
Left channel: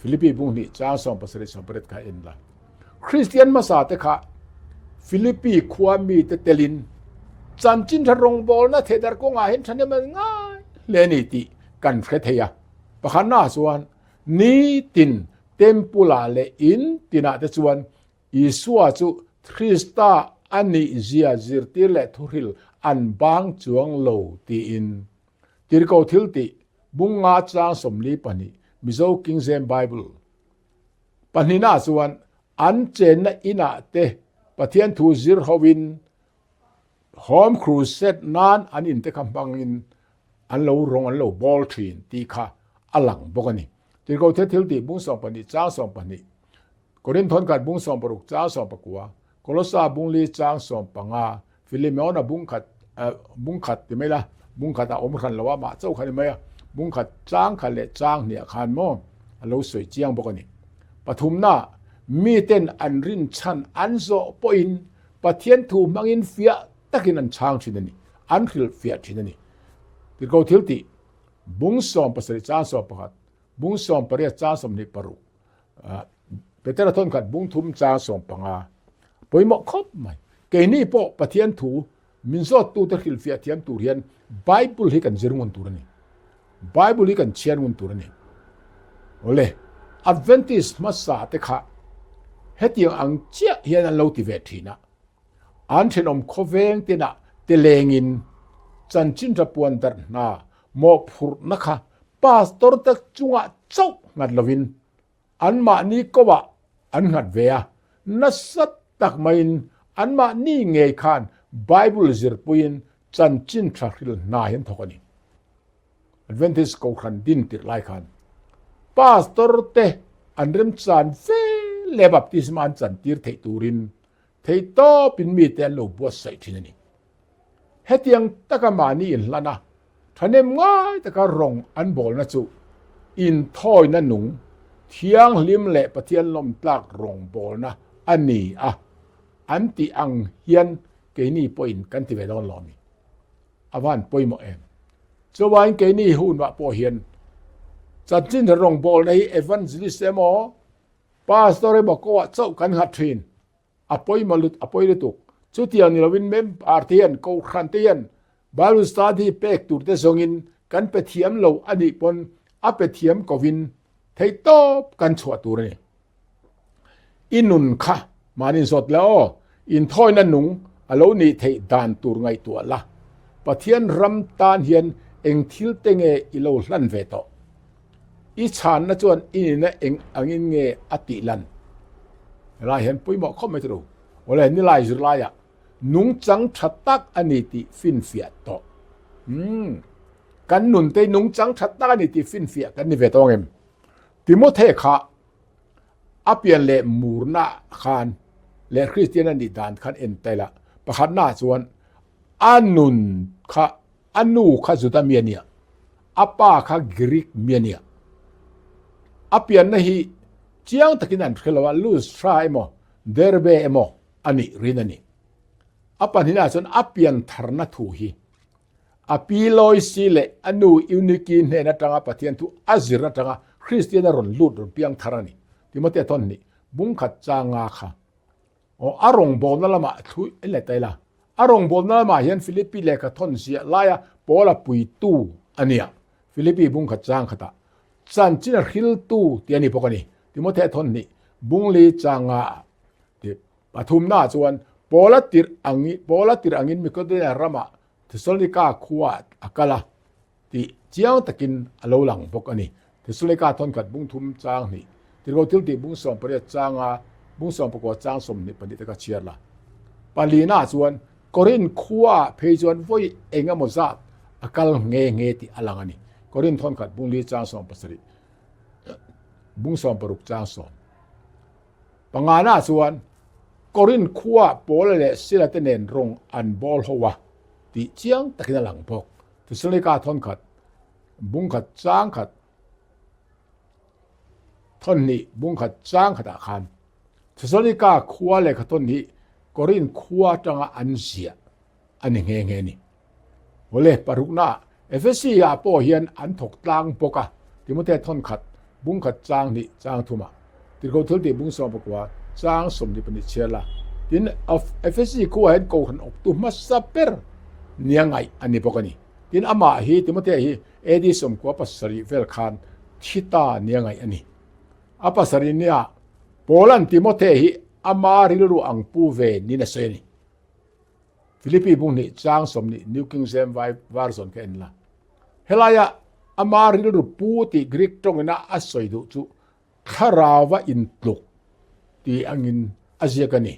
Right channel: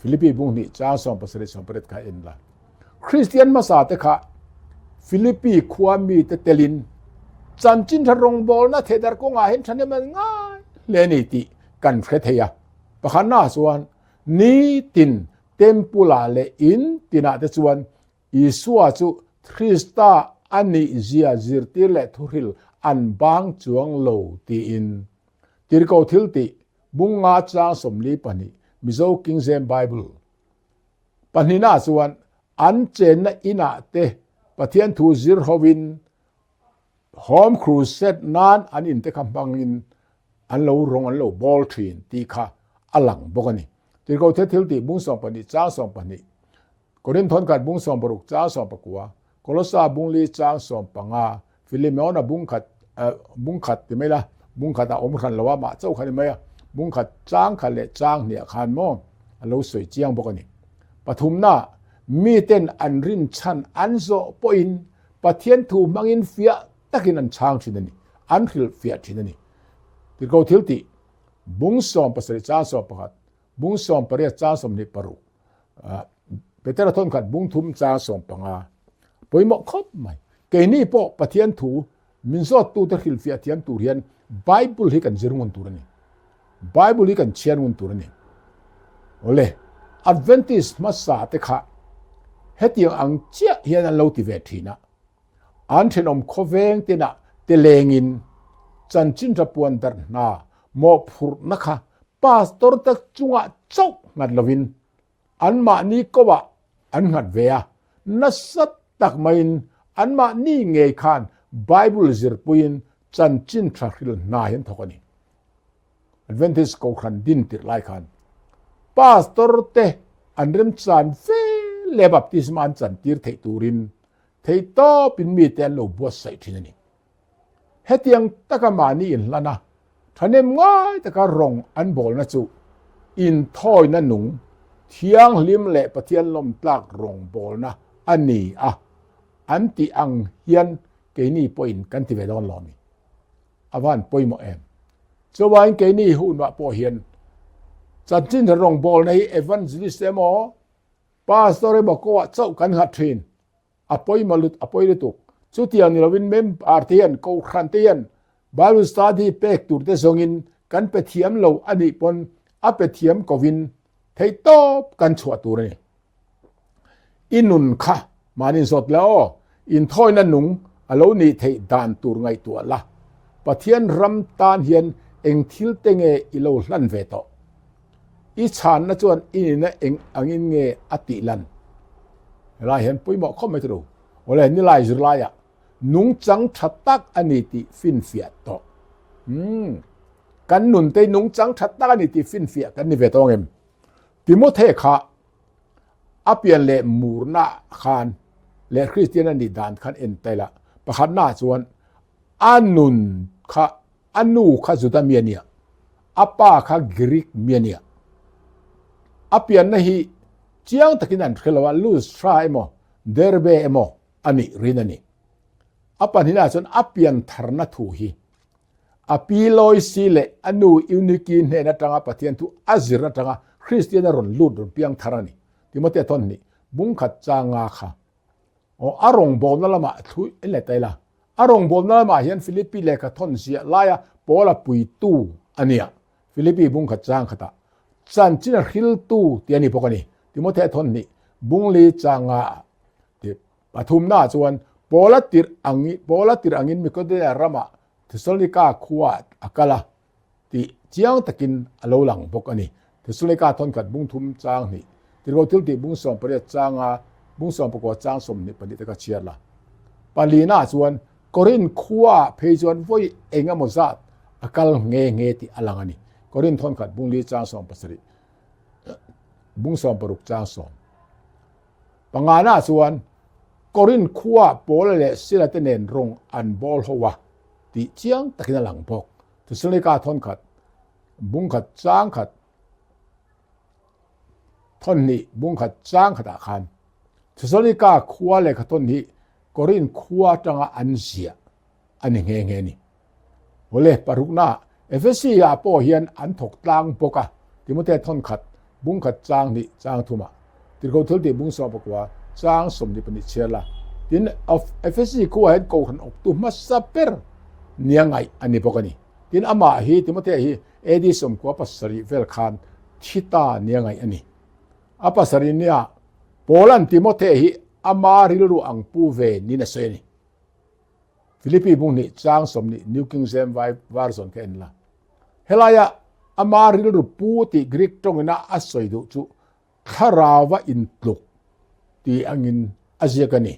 ฟิลิปปินส์บุงนี่จ้าสองประเสริฐสองประเทศกันเองละ คริสเตียนมาสาตะคะฟิลิปปีความีเตลินจันจินทรงบอลนะเทดาร์กงาเห็นฉันเนี่ยมันง่ายเลนิติกันเฟเทียปะขันหน้าส่วนนี้ตินเต็มปุลาเลอินตินาเตส่วนอิสวาจุคริสตาอันนี้เจียจิรติเลทุริลอันบางจวงโลตีอินติรกาวทิลติบุงงาจางสมลีปนิมิโซคิงเซมไบเบิลปนินาส่วนอันเจนอินาเตปะเทียนทูจิรฮวินฮอมครูเซตนานอันอินเตคัมปังอินอันโลรงอันโลบอลทรีนตีค่ะอลังบกนี่ติรกาวทิลติบุงสองปนิจางสองปนิโครินทอนกัดบุงสองปรุกจางสองปกัวโคลอสาบุงลีจางสองปังาฟิลิเมอนาบุงขัดติไม่ละบุงขัดอมขันละว่ามาเจ้าขันไม่บุงขัดจางขันเลจางเนี่ยขันโมเราสวยเจียงบอกนี่ปฐุมนามีเต้นอันรินชันอันโซปอินปะเทียนถูมังอินเฟียตะกินอันช้างชินนี่อันริลเฟียชินนี่ติโกทิลติบุงสอมภาษาจางสอมประหัดบุงสอมปริยจางสมนิปรุเปเตระทนขัดบุงทุมจางสอมปังาปอยหมอกครบไหมเกนี่ปอปะเทียนถูมินโซตูตะริลเฟียเทียนตูเรียนไบเบิลฮิกันจิรุนตูรนี่ไบเบิลฮิกันเชียนมุนตูรนี่โอเลอัดเวนติสมาสาเตคะเฮติอังเจียเฮียนโลติเวทีนะอันเทนอมโคเวงตินะเตเลงินจันจินจะปวนดร์นาโมพุรนะคะปาสตอร์ตักจุงะเจ้างัดลวินอันมานี้ก็ว่าอันงัดเวียนัสตักไม่อันมานี่เงยคานไบเบิลจิรปุยนจันจินทรักริลนาเห็นทอกนี่อัดเวนติสกูขันดินติไลคันปาสตอร์เตอันเริ่มจันเฟเลบับติสมันจันติร์เทตูรินเทโตปินมีเตลโลบัวใส่ที่นี่เฮตียงตะกมานี่อินละนะทันเอ็มง่ายตะกะรงอันโบลนะจูอินทอยนั่นหนุ่งเทียงลิมเละปะเทียนลมตากรงโบลนะอันนี้อันติอังเฮียนเกนี่ปอินกันติเวดอนลอมีอวันปอยโมเอมสวายเกนี่หุ่นว่าปอเฮียนจัดจินรงบอลในเอวันซิลิสเตมอปาสตอร์บอกว่าเจ้ากันหัดทรีนอปอยมาลุดอปอยลุตุสุดที่อันนี้เราวินเมมอาร์เทียนกูขันเทียนบาลุสตาดีเป็กตูร์เตซงินกันเปเทียมเราอันนี้ปนอเปเทียมกวินเทตอบกันชัวตูร์นี่อินุนค่ะมานินสดแล้วอินทอยนั่นหนุ่งอโลนี่เทดานตูร์ไงตัวละปะเทียนรำตานเฮียนเองทิลเตงเออิโลลันเวโตอีชานนะจวนอินนะเองอังอินเงอติลันลายเห็นปุยหมอกเข้าไม่ถูกว่าเลยนี่ลายจุลายนุ่งจังชัดตักอันนี้ติฟินเฟียโตกันนุนเตนุ่งจังชัดตักอันนี้ติฟินเฟียกันนี่เวโตเองติโมเทค่ะอเปียนเลมูร์นาคานเลคริสเตียนนี่ดานคันเอ็นเตละประคันหน้าจวนอันนุนค่ะอันนูค่ะจุดเมียเนียอป้าค่ะกรีกเมียเนียอเปียนนะฮีเจียงตะกินันคือว่าลูสทรายโมเดอร์เบโมอันนี้รินันนี่อปานินาส่วนอเปียนทารนัทูฮีอปีลอยซีเลอันนูอิวนิกินเฮนัตงาปะเทียนทุอาซิรัตงาคริสเตียนรอนลูดรเปียงทารานีที่มาเตตอนนี้บุ้งขัดจางาค่ะอารมณ์บอลนั่นละมาทุยเอเลตัยละอารมณ์บอลนั่นละมาเห็นฟิลิปปีเลกทอนเสียลายปอลาปุยตูอันเนี้ยฟิลิปปีบุ้งขัดจางขัดจันจินฮิลตูเตียนี่พวกนี้ที่มาเตตอนนี้บุ้งลีจางาที่ปฐุมหน้าจวนปอลาติรอังอินมีก็ได้รามาที่สุนิกาขวดอักละที่เจียงตะกินอโลหลังพวกนี้ที่สุนิกาทนขัดบุ้งทุมจางนี่ที่เราทิลติบุ้งสองประเดี๋ยวจางบุ้งสองประกอบจางสมนี่ปฏิตกะเชียร์ละปาลีน่าจวนกอรินขวาเพยจวนไว้เองอมซาอักลเงติอลังนี่กอรินทนขัดบุ้งลีจางสองประสิทธิ์บุ้งสองประรุกจางสองปังงาน่าจวนกอรินขวาโปลเลสิลาเตเนนรงอันบอลหัวที่เจียงตะกินหลังพกที่สุนิกาทนขัดบุ้งขัดจางขัดทนนี้บุ้งขัดจางขัดอาคารที่สุนิกาขวาเลยขัดทนนี้กอรินขวาจังอันเสียอันนี้เงนี่วเลปารุกนาเอฟซีอาโปเฮียนอันถกตางปกะที่มุเตทนขัดบุ้งขัดจางนี่จางทุมาที่เขาทุลที่บุ้งสอบปกว่า จางสมนิปนิเชลาดินเอฟซีกูเห็นกูหันออกตุมาสเปอร์เนียงไงอันนี้พวกนี้ดินอามาฮีติมเตฮีเอดิสมกัวปัสรีเวลคานชิตาเนียงไงอันนี้อาปัสรีเนี่ยโปลันติมเตฮีอามาริลูอังปูเวนินาเซนีฟิลิปปีบุงนี่จางสมนี่นิวคิงเซมไววาร์ซอนเคนละเฮลายาอามาริลูปูติกรีกตรงน่ะอัสอยดูจูคาราวะอินตุกที่อังินอาเซียกันนี่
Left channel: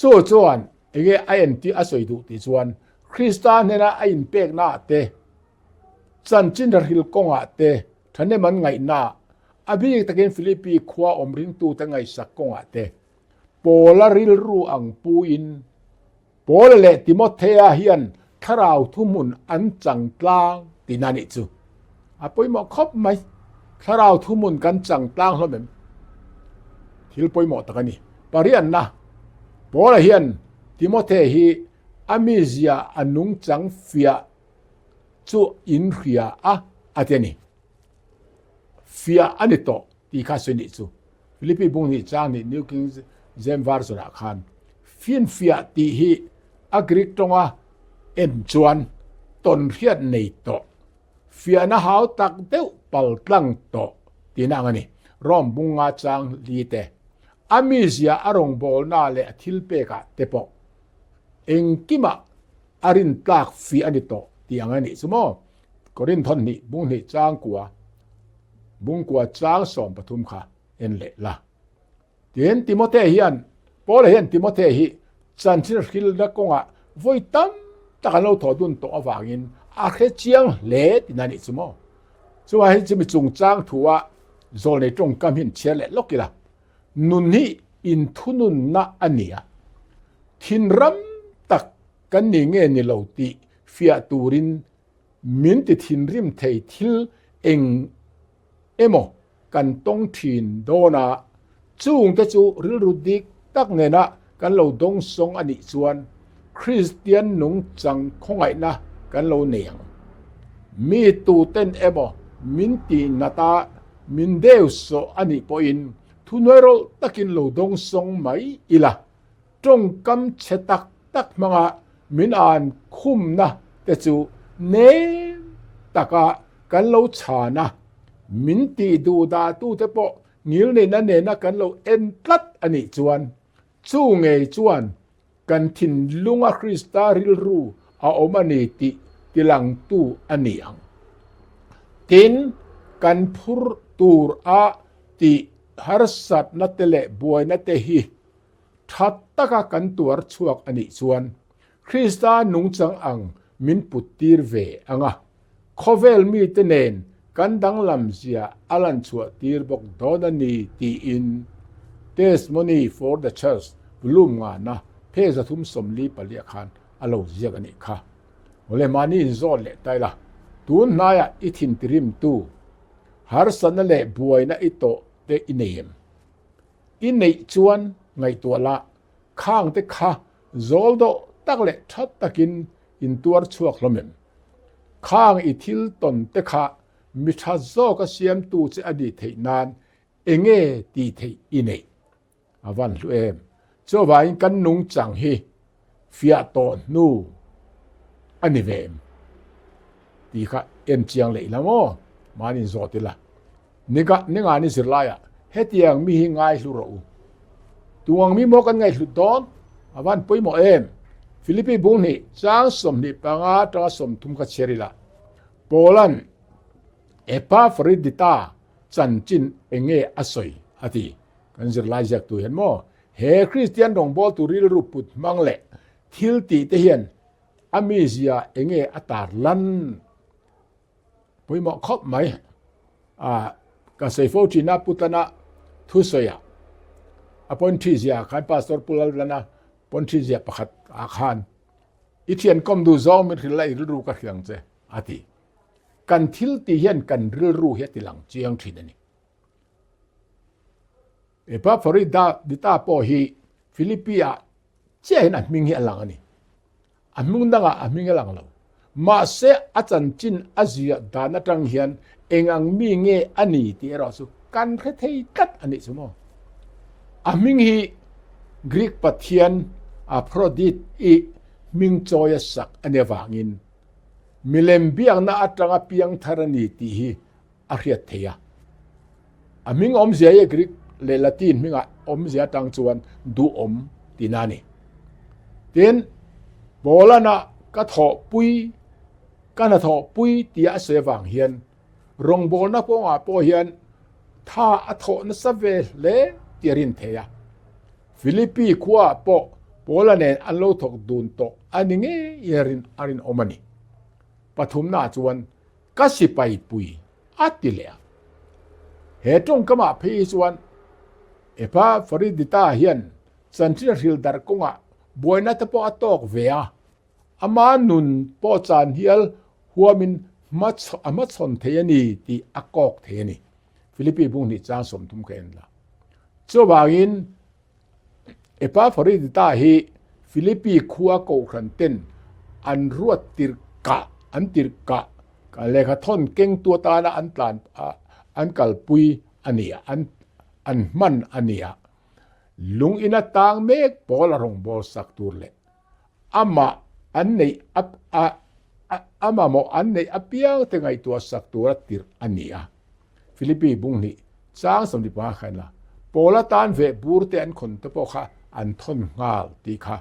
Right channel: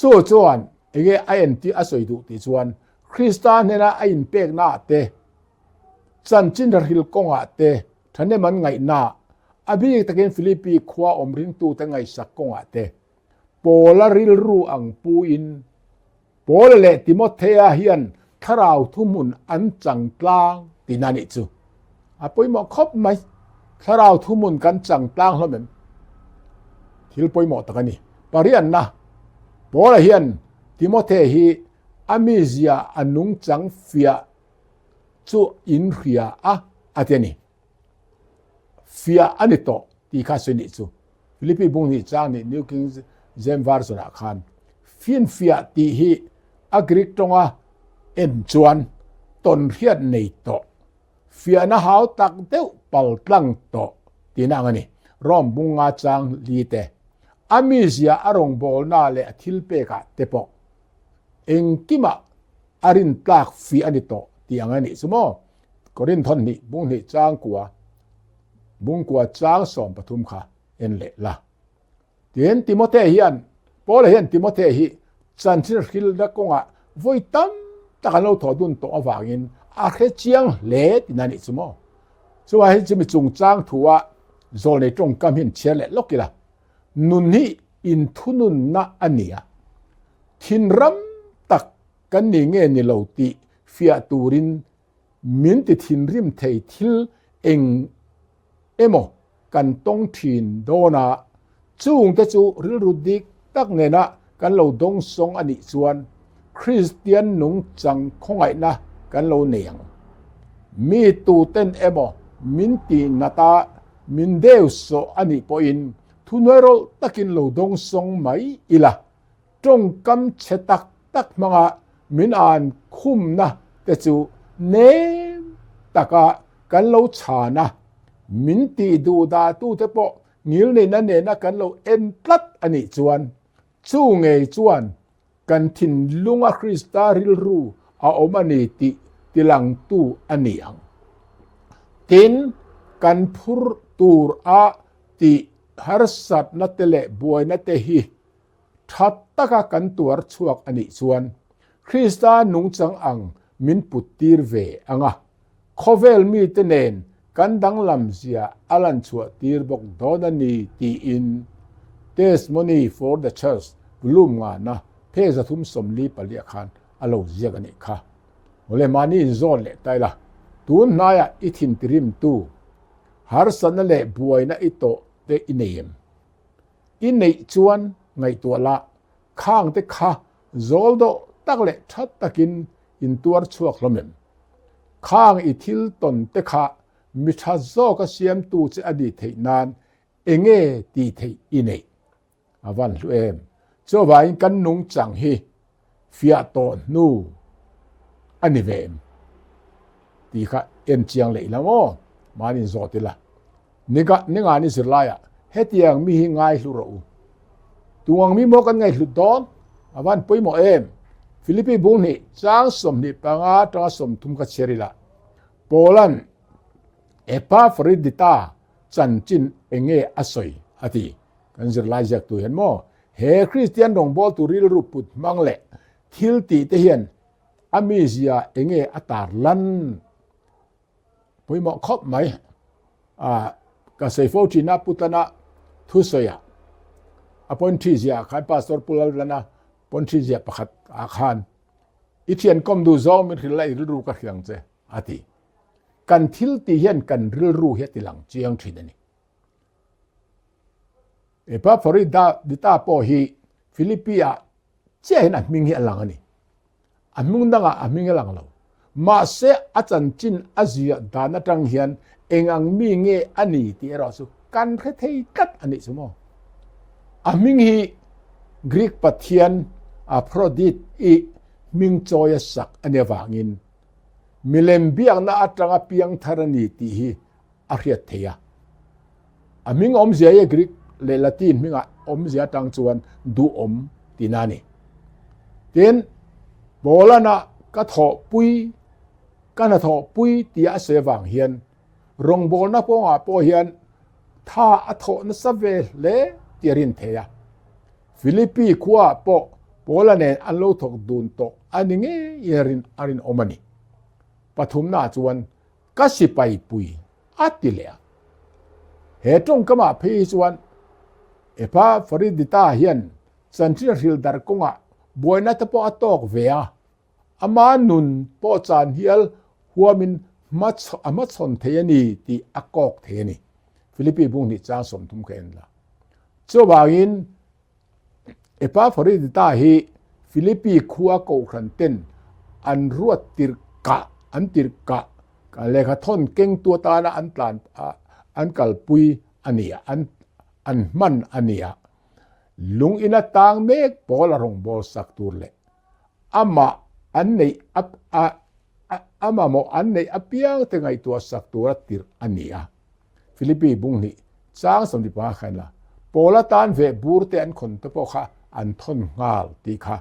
จวนเอเกไอเอ็นที่อาศัยดูที่จวนคริสตานเนี่ยนะไออินเป็กนาเตจันจินดาฮิลกงอาเตท่านเนี่ยมันไงนาอภิตะเกนฟิลิปปีขวาอมริงตูตั้งไงสักกงอาเตโปลาริลรูอังปูอินโปลเลติโมเทอาเฮียนคาราวทุมุนอันจังกลางตินานิจูอาปอยหมอครบไหมคาราวทุมุนกันจังกลางเหรอเหมือนทิลปอยหมอตะกันนี่ปาริอันนะโปลเฮียนติโมเทฮีอามิเซียอันนุงจังเฟียจูอินเฟียอาเทนี่เฟียอันนี้โตที่ข้าศึกนี่จูฟิลิปปีบุงนี่จางนี่นิวคิงเซมวาร์สนาคานฟินเฟียที่ฮีอักริกตรงเอ็นจวนตนเฟียในโตเฟียน่าหาวตักเต้าปัลปลังโตที่นั่งนี่ร่อมบุงอาจางลีเตอามิเซียอารมณ์บอลน่าเลทิลเปกะเตปอกเองกิมาอารินตากฟีอันนี้โตที่อันนี้สมมติกรินทอนนี่บุงนี่จางกัวจางสอมปฐุมค่ะเอ็นเละละเห็นติโมเทเฮียนพอเห็นติโมเทฮีจันทร์ฮิลนักกงะไว้ตั้มตะกันเราถอดุนโตอวางินอาเคเจียงเละที่นั่นนี่สมมติส่วนที่จะมีจงจางถัวโซนในตรงกำหินเชลเละล็อกกีละนุนนี่อินทุนุนนะอันนี้ทินรัมตักกันนี่เงี้ยนี่เราตีฟิอาตูรินมินติทินริมเททิลเองเอโมกันต้องทินโดนาจูงแต่จูริรุดิกตักเนนะกันเราดงสงอันนี้ชวนคริสเตียนนุงจังคงไงนะกันเราเนียงมีตูเต้นเอโมมินตินาตามินเดวโซอันนี้พออินทุนเวโรตักินโลดงสงไม่อีละจงกำเชตักมังมินอ่านคุมนะแต่จูเนตักกันโลชานะมินตีดูดาตูเตปองิลเนนันเนนะกันโลเอ็นพลัดอันนี้จวนจูงเงจวนกันทินลุงคริสตาริลรูอาอมานีติลังตูอันนี้อังทินกันพุรตูร์ติฮาร์สัตนัตเลบวยนัตฮีทัตตะกะกันตัวชวกอันนี้ชวนคริสตานุงจังอังมินปุตตีร์เวอังโคเวลมีเตเนนกันดังลำเสียอลันชัวตีร์บกดอนันีตีอิน testimony for the church บลูมงานะเพศทุมสมลีปะเลียคันอโลเซียกันนี่ค่ะโอเลมานี่โซนเลไตละตูนนายอิทินตริมตูฮาร์สันเลบวยนะอิโตเตอินเนมอินเนจวนไงตัวละข้างเตค่ะโซลโดตักเลชัดตะกินอินตัวชวกลมข้างอิทิลตนเตค่ะมิชาโซก็เสียมตูเจอดีเทนานเองตีเทอินเนอวันลุเอมเจ้าว่าอินกันนุงจังฮีฟิอาโตนูอันนี้เวมตีค่ะเอ็นเจียงเลยละโมมานินโซติละนี่งานนี่สิลายเฮตียงมีหิงไงลุระอูตัวงมีโมกันไงลุดอนอวันปุยโมเอมฟิลิปปีบุงนี่จางสมนี่ปังอาตราสมทุมกัเชริละโปแลนด์เอปาฟริดิตาจันจินเองอสอยอติกันสิลายจากตัวเห็นโมเฮคริสเตียนดงบอลตุริลรูปุดมังเละทิลตีเทียนอามิเซียเองอตาร์ลันปุยโมครบไหมก็เซฟจีน่าพุตนาทุสยาอปอนทิเซียขันพาสตอร์ปุลลานะปอนทิเซียประคัดอาคารอิเทียนคอมดูซอมมันคือไล่ริรูกัเฮียงเจอาทิกันทิลตีเฮียนกันริรูเฮติหลังเจียงทีนี่เอพาฟริดาดิตาโปฮีฟิลิปปีอาเจ้าเห็นอันมิงเฮหลังนี่อันมุงดังอันมิงเฮหลังเรามาเสอาจารย์จินอาเซียดานาจังเฮียนเองอังมีเงอันนี้ที่เราสุกันเทยกัดอันนี้สมอง aming hi Greek pathian Aphrodite i ming choya sak anewangin milem biang na atanga piang tharani ti hi ariat theya aming om zia Greek le Latin minga om zia tang chuan du om tinani ten bolana ka tho pui kana tho pui tia sewang hian rong bol na po nga po hian tha atho na save le tiarin theya Philippi khuwa po Polanen an lo thok dun to aninge yerin arin omani pathum na chuan kasipai pui atilea he tong kama phi chuan epa Foridita hian santir hil dar konga boina te po atok vea ama nun po chan hial huamin amachon theyani ti akok theyani Philippi bung ni chang som tum khen la chobangin epa Foridita hi Philippi khuwa ko khanten an ruat tirka an tirka ka lekha thon keng tu ta na an tlan an kalpui ania an man ania lung ina tang mek bol rong bol sak tur le ama an nei ama mo an nei apiang te ngai tu sak tur tir ania Philippi bung ni chang som di pa khan la pola tan ve bur te an khon to po kha an thon ngal ti kha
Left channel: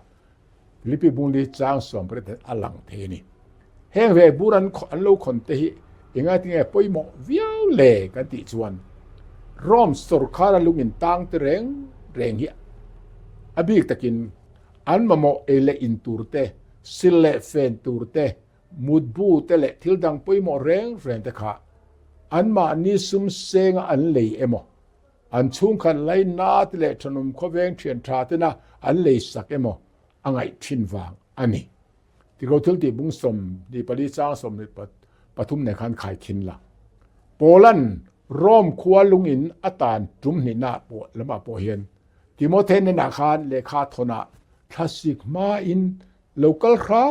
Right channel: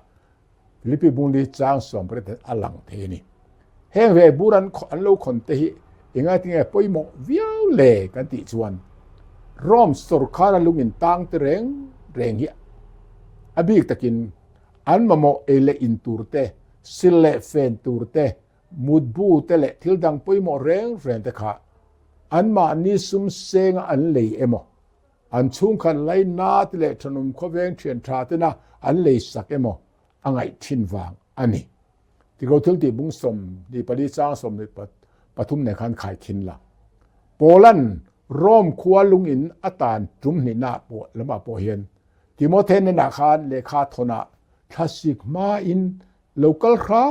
Philippi bung ni chang som pre te alang the ni heng ve buran an lo khon te hi inga tinga poimo viau le kan ti chuan rom sor khara lungin tang te reng hi abik takin an mamo ele in turte sille fen turte mudbu tele thildang poimo reng te kha an ma ni sum senga an lei emo an chung khan lai na tele thanum khoveng thian tha te na an lei sak emo angai thin wang ani ti go thul ti bung som ni pali chang som ni pathum ne khan khai thin la Poland Rom khuwa lungin atan tum ni na po lama po hian Timothy ne na khan lekha thona classic ma in local kha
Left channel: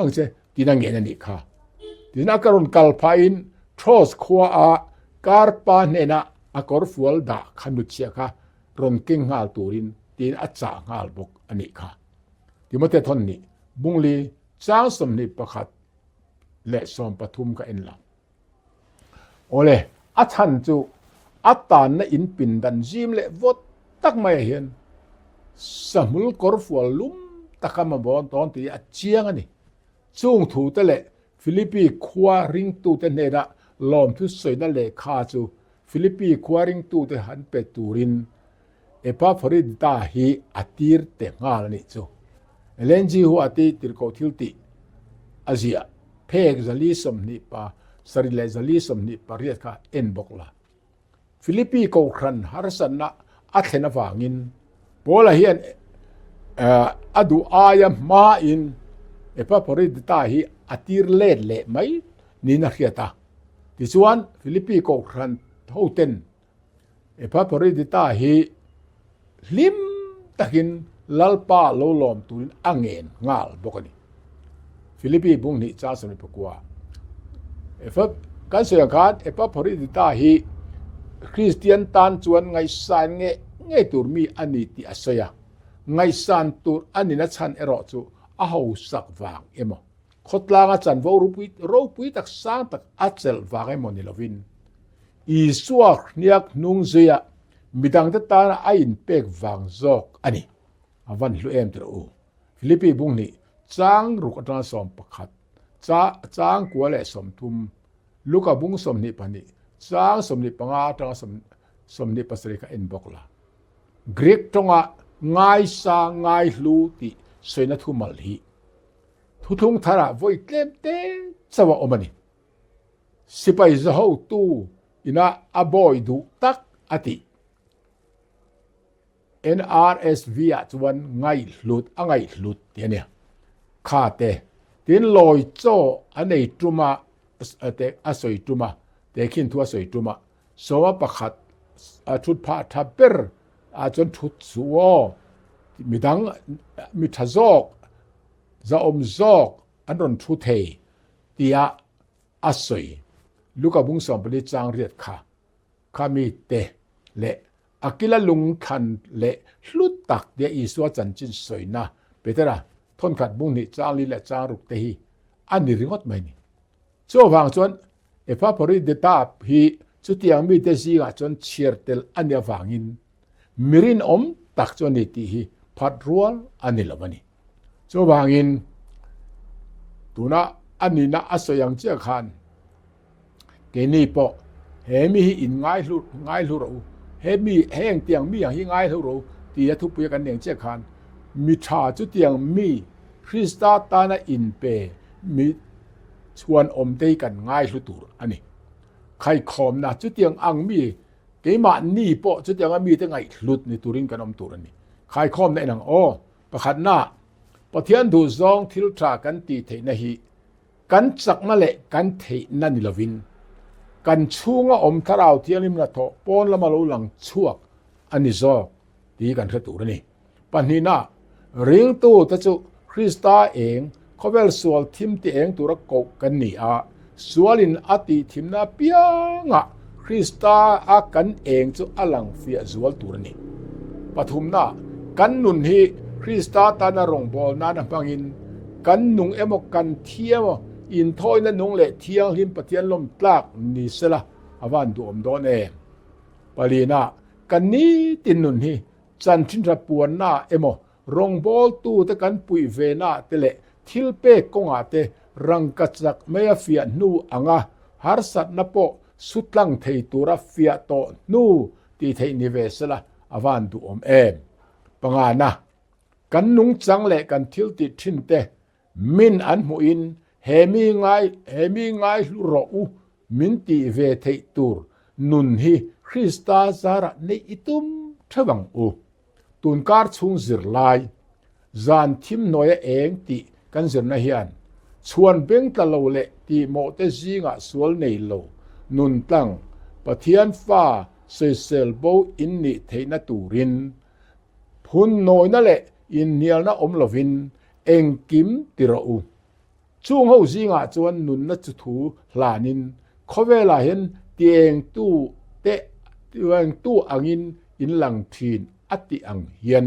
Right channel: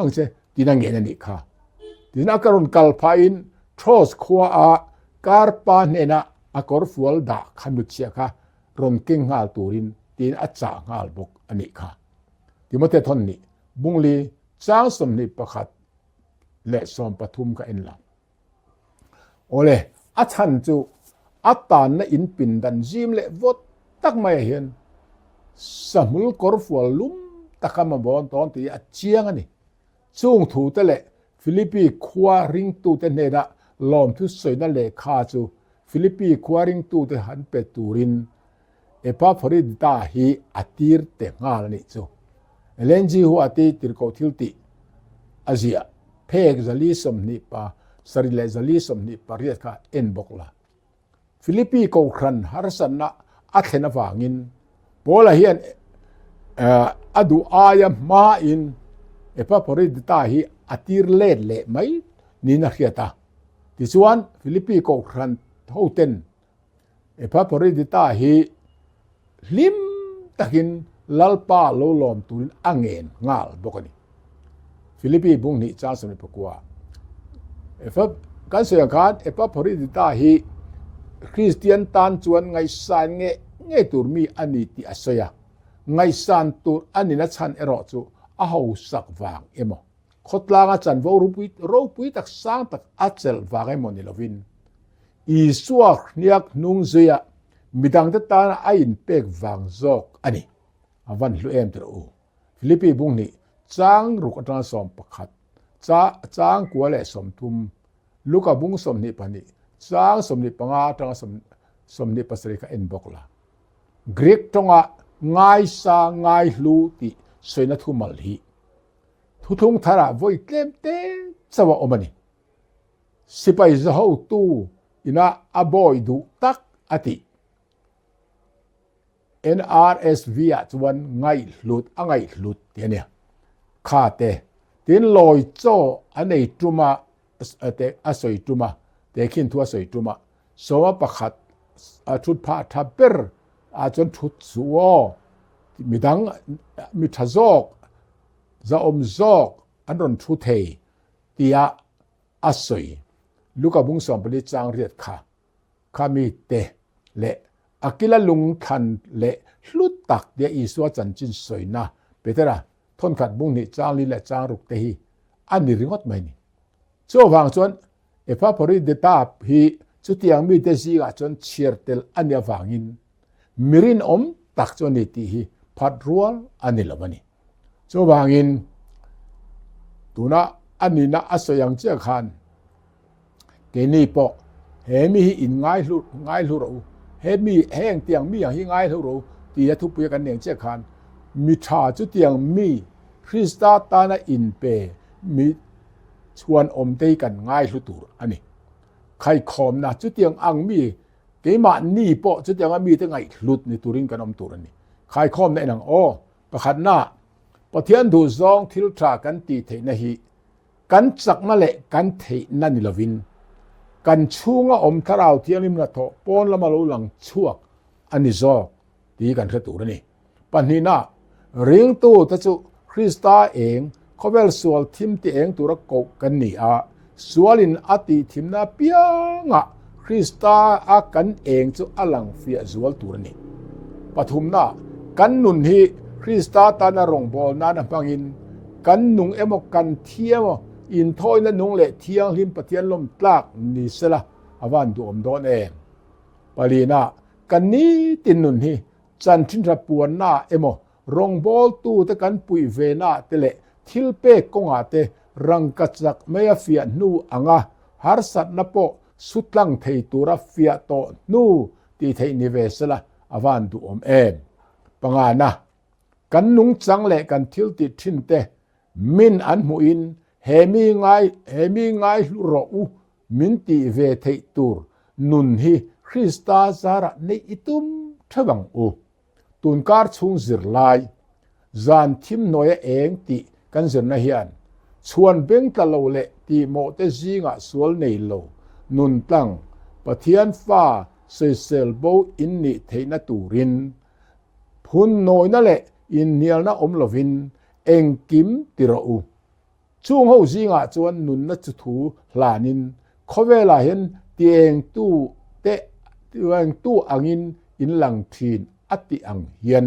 angche tinang nge ni kha tina karon kal pha in thos khuwa a karpa ne na akor fual da khanu chia kha ron king hal turin tin acha ngal bok ani kha Timothy thon ni bungli chang som ni pakhat le som pathum ka in la ole achan chu atan na in pin dan jim le vot tak mai hian samul korfual lum takama bon ton ti achiang ani chung thu te le Philippi khwa ring tu te ne da lom thu soina le kha chu Philippi khwa ring tu te han pe turin epa Foridita hi atir te ngal ni chu elenji hu ati tirko thilti Asia phek zali som ni pa sarile zali som ni pariat kha en bokla Philippi ko khan harsan na athena wangin bola hian adu aya ma in epa Foridita hi atir le mai ni na khiata ti chuan Philippi ko khan thoten epa Foridita hi lim takin lalpa lo lom turin angen ngal bokani Philippi bung ni cha sam pakwa efa kan se khat epa Foridita hi Christian tan chuan ngai san nge turmi ani ti asaya ngai san tur ani na chan ero chu a ho sak wang emo khotlanga chan vo rupui tak sang tak achel wang emo ni lovin I suak niak nung zia midang ta ta a in pek wang zok ani avan hlu em tro Philippi bung ni chang ruk atan som pakhat chang kwale som thum luka bung som ni pani chang som ni panga ta som ni pasri ka en bokla Greek tonga ngai sa ngai hlu ti soina thumal hi thuthung thara voi tlem te chawa omani sipai zaho tu ina aboy du tak ati NRSV chuan ngai hlut angai hlut tiania kha te tin loi cho anei tuma ate asoi tuma te khin thua soi tuma sowa pakhat a thut pha thaper a chon thut suo midang mi thazok za omzok anron thu thei tia asoi luka bung som pali chang riat kha khami te le อากิละลุงทันเลลุดตักเดียอีสัวจันจินสวยนะเปเตระทนขัดบุงนี่จางลีและจางรุกเตฮีอันนี้ริงอดไหมนี่ชั่ววางจนพระพริเดตาพีจุดยังมีเตซีกจนเชียร์เตลอันนี้ฟังอินมิรินตักจนนี่ตีฮีพัดรัวอันนี้ละมันนี่ชั่ววางอินตัวน่ะอันนี้น่ะอัศยังเจ้าขันเกนี่ปอเฮมีอินง่ายลุเราเฮมีแห้งเตียงมีอย่างที่ง่ายลุเราตีทุบไปกันเองเจ้าขันมีชาจุดเตียงมีคริสตาตานะอินเปมีชวนเตกันง่ายลุตูอันนี้ใครขอมนะจุดเตียงอังมีเกมานี่ปอจุดเตียงมีตั้งไงลุดในตุรินกันตูรันนี่ใครขอมในหนังประคันหน้าปะเทียนดูซองทิลทรากันตีเทนะฮีกันจักนั่นแหละกันเทนั่นนี่ละวินกันชูงทาราวเทียนิมนะโตปอนละมาลุหลังชั่วอันนี้ซอตีกันขตุรนี่ปันนี้นะเรียงตู้ตะจุคริสตาเองเขาเวลสวลทิมตีเองตุระกกันนี่สวลินอติทิมนาเปียงคริสตากันเองจุอลังเฟียสวลตุรนี่ปฐุมนะกันนุนฮีคริสตาตานรงบอลนานะพังอินกันนุงเอมกันเทียมอินทอยและนุงเละเทียงหิมปะเทียนลมปลากนี่สละอวันดูดอนปาลีนากันนี้ตินนุนฮีจันทินระปวนนาเอมรงบอลตูตะกันปุยเวนาเตเลทิลเปกงอาเตรังกัจักเมียเฟียนูอังหารสัตนปสุดลังเทตุระเฟียโตนูตีเทนิเวสละอวันดูปังานะกันนุงจังเละกันทิลติทินเตมินอันหูอินเฮมีง่ายลุรอูมินติเวเทตูรนุนฮีคริสตาซาระในอิตุมทวังอูตุนการชุงสิรลายจานทิมน้อยเองติกันเสนนะเฮียนชวนเบงตะโลเลติโมเตซิงะสวลในโลนุนตังปะเทียนฟ้าเซเซลโบอินนิเทนตูรินพุนน้อยนั่นแหละอินเนียลนะลวินเองกิมติระอูช่วงเฮาซิงะจวนนุนนะจุทูหลานินเขาเวลาเห็นเตียงตู้เตะเตียงตู้อังอินหลังทีนอติอังเฮียน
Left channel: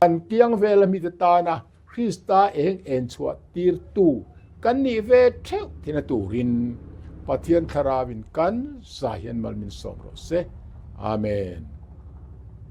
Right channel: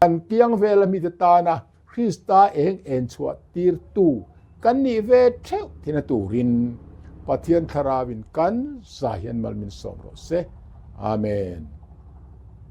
กันเตียงเวลามีตานะคริสตาเองเอ็นชัวตีร์ตู้กันนี่เวเทวที่นตูรินปะเทียนคาราวินกันสาเฮียนมัลมินสอมโรเซอาเมน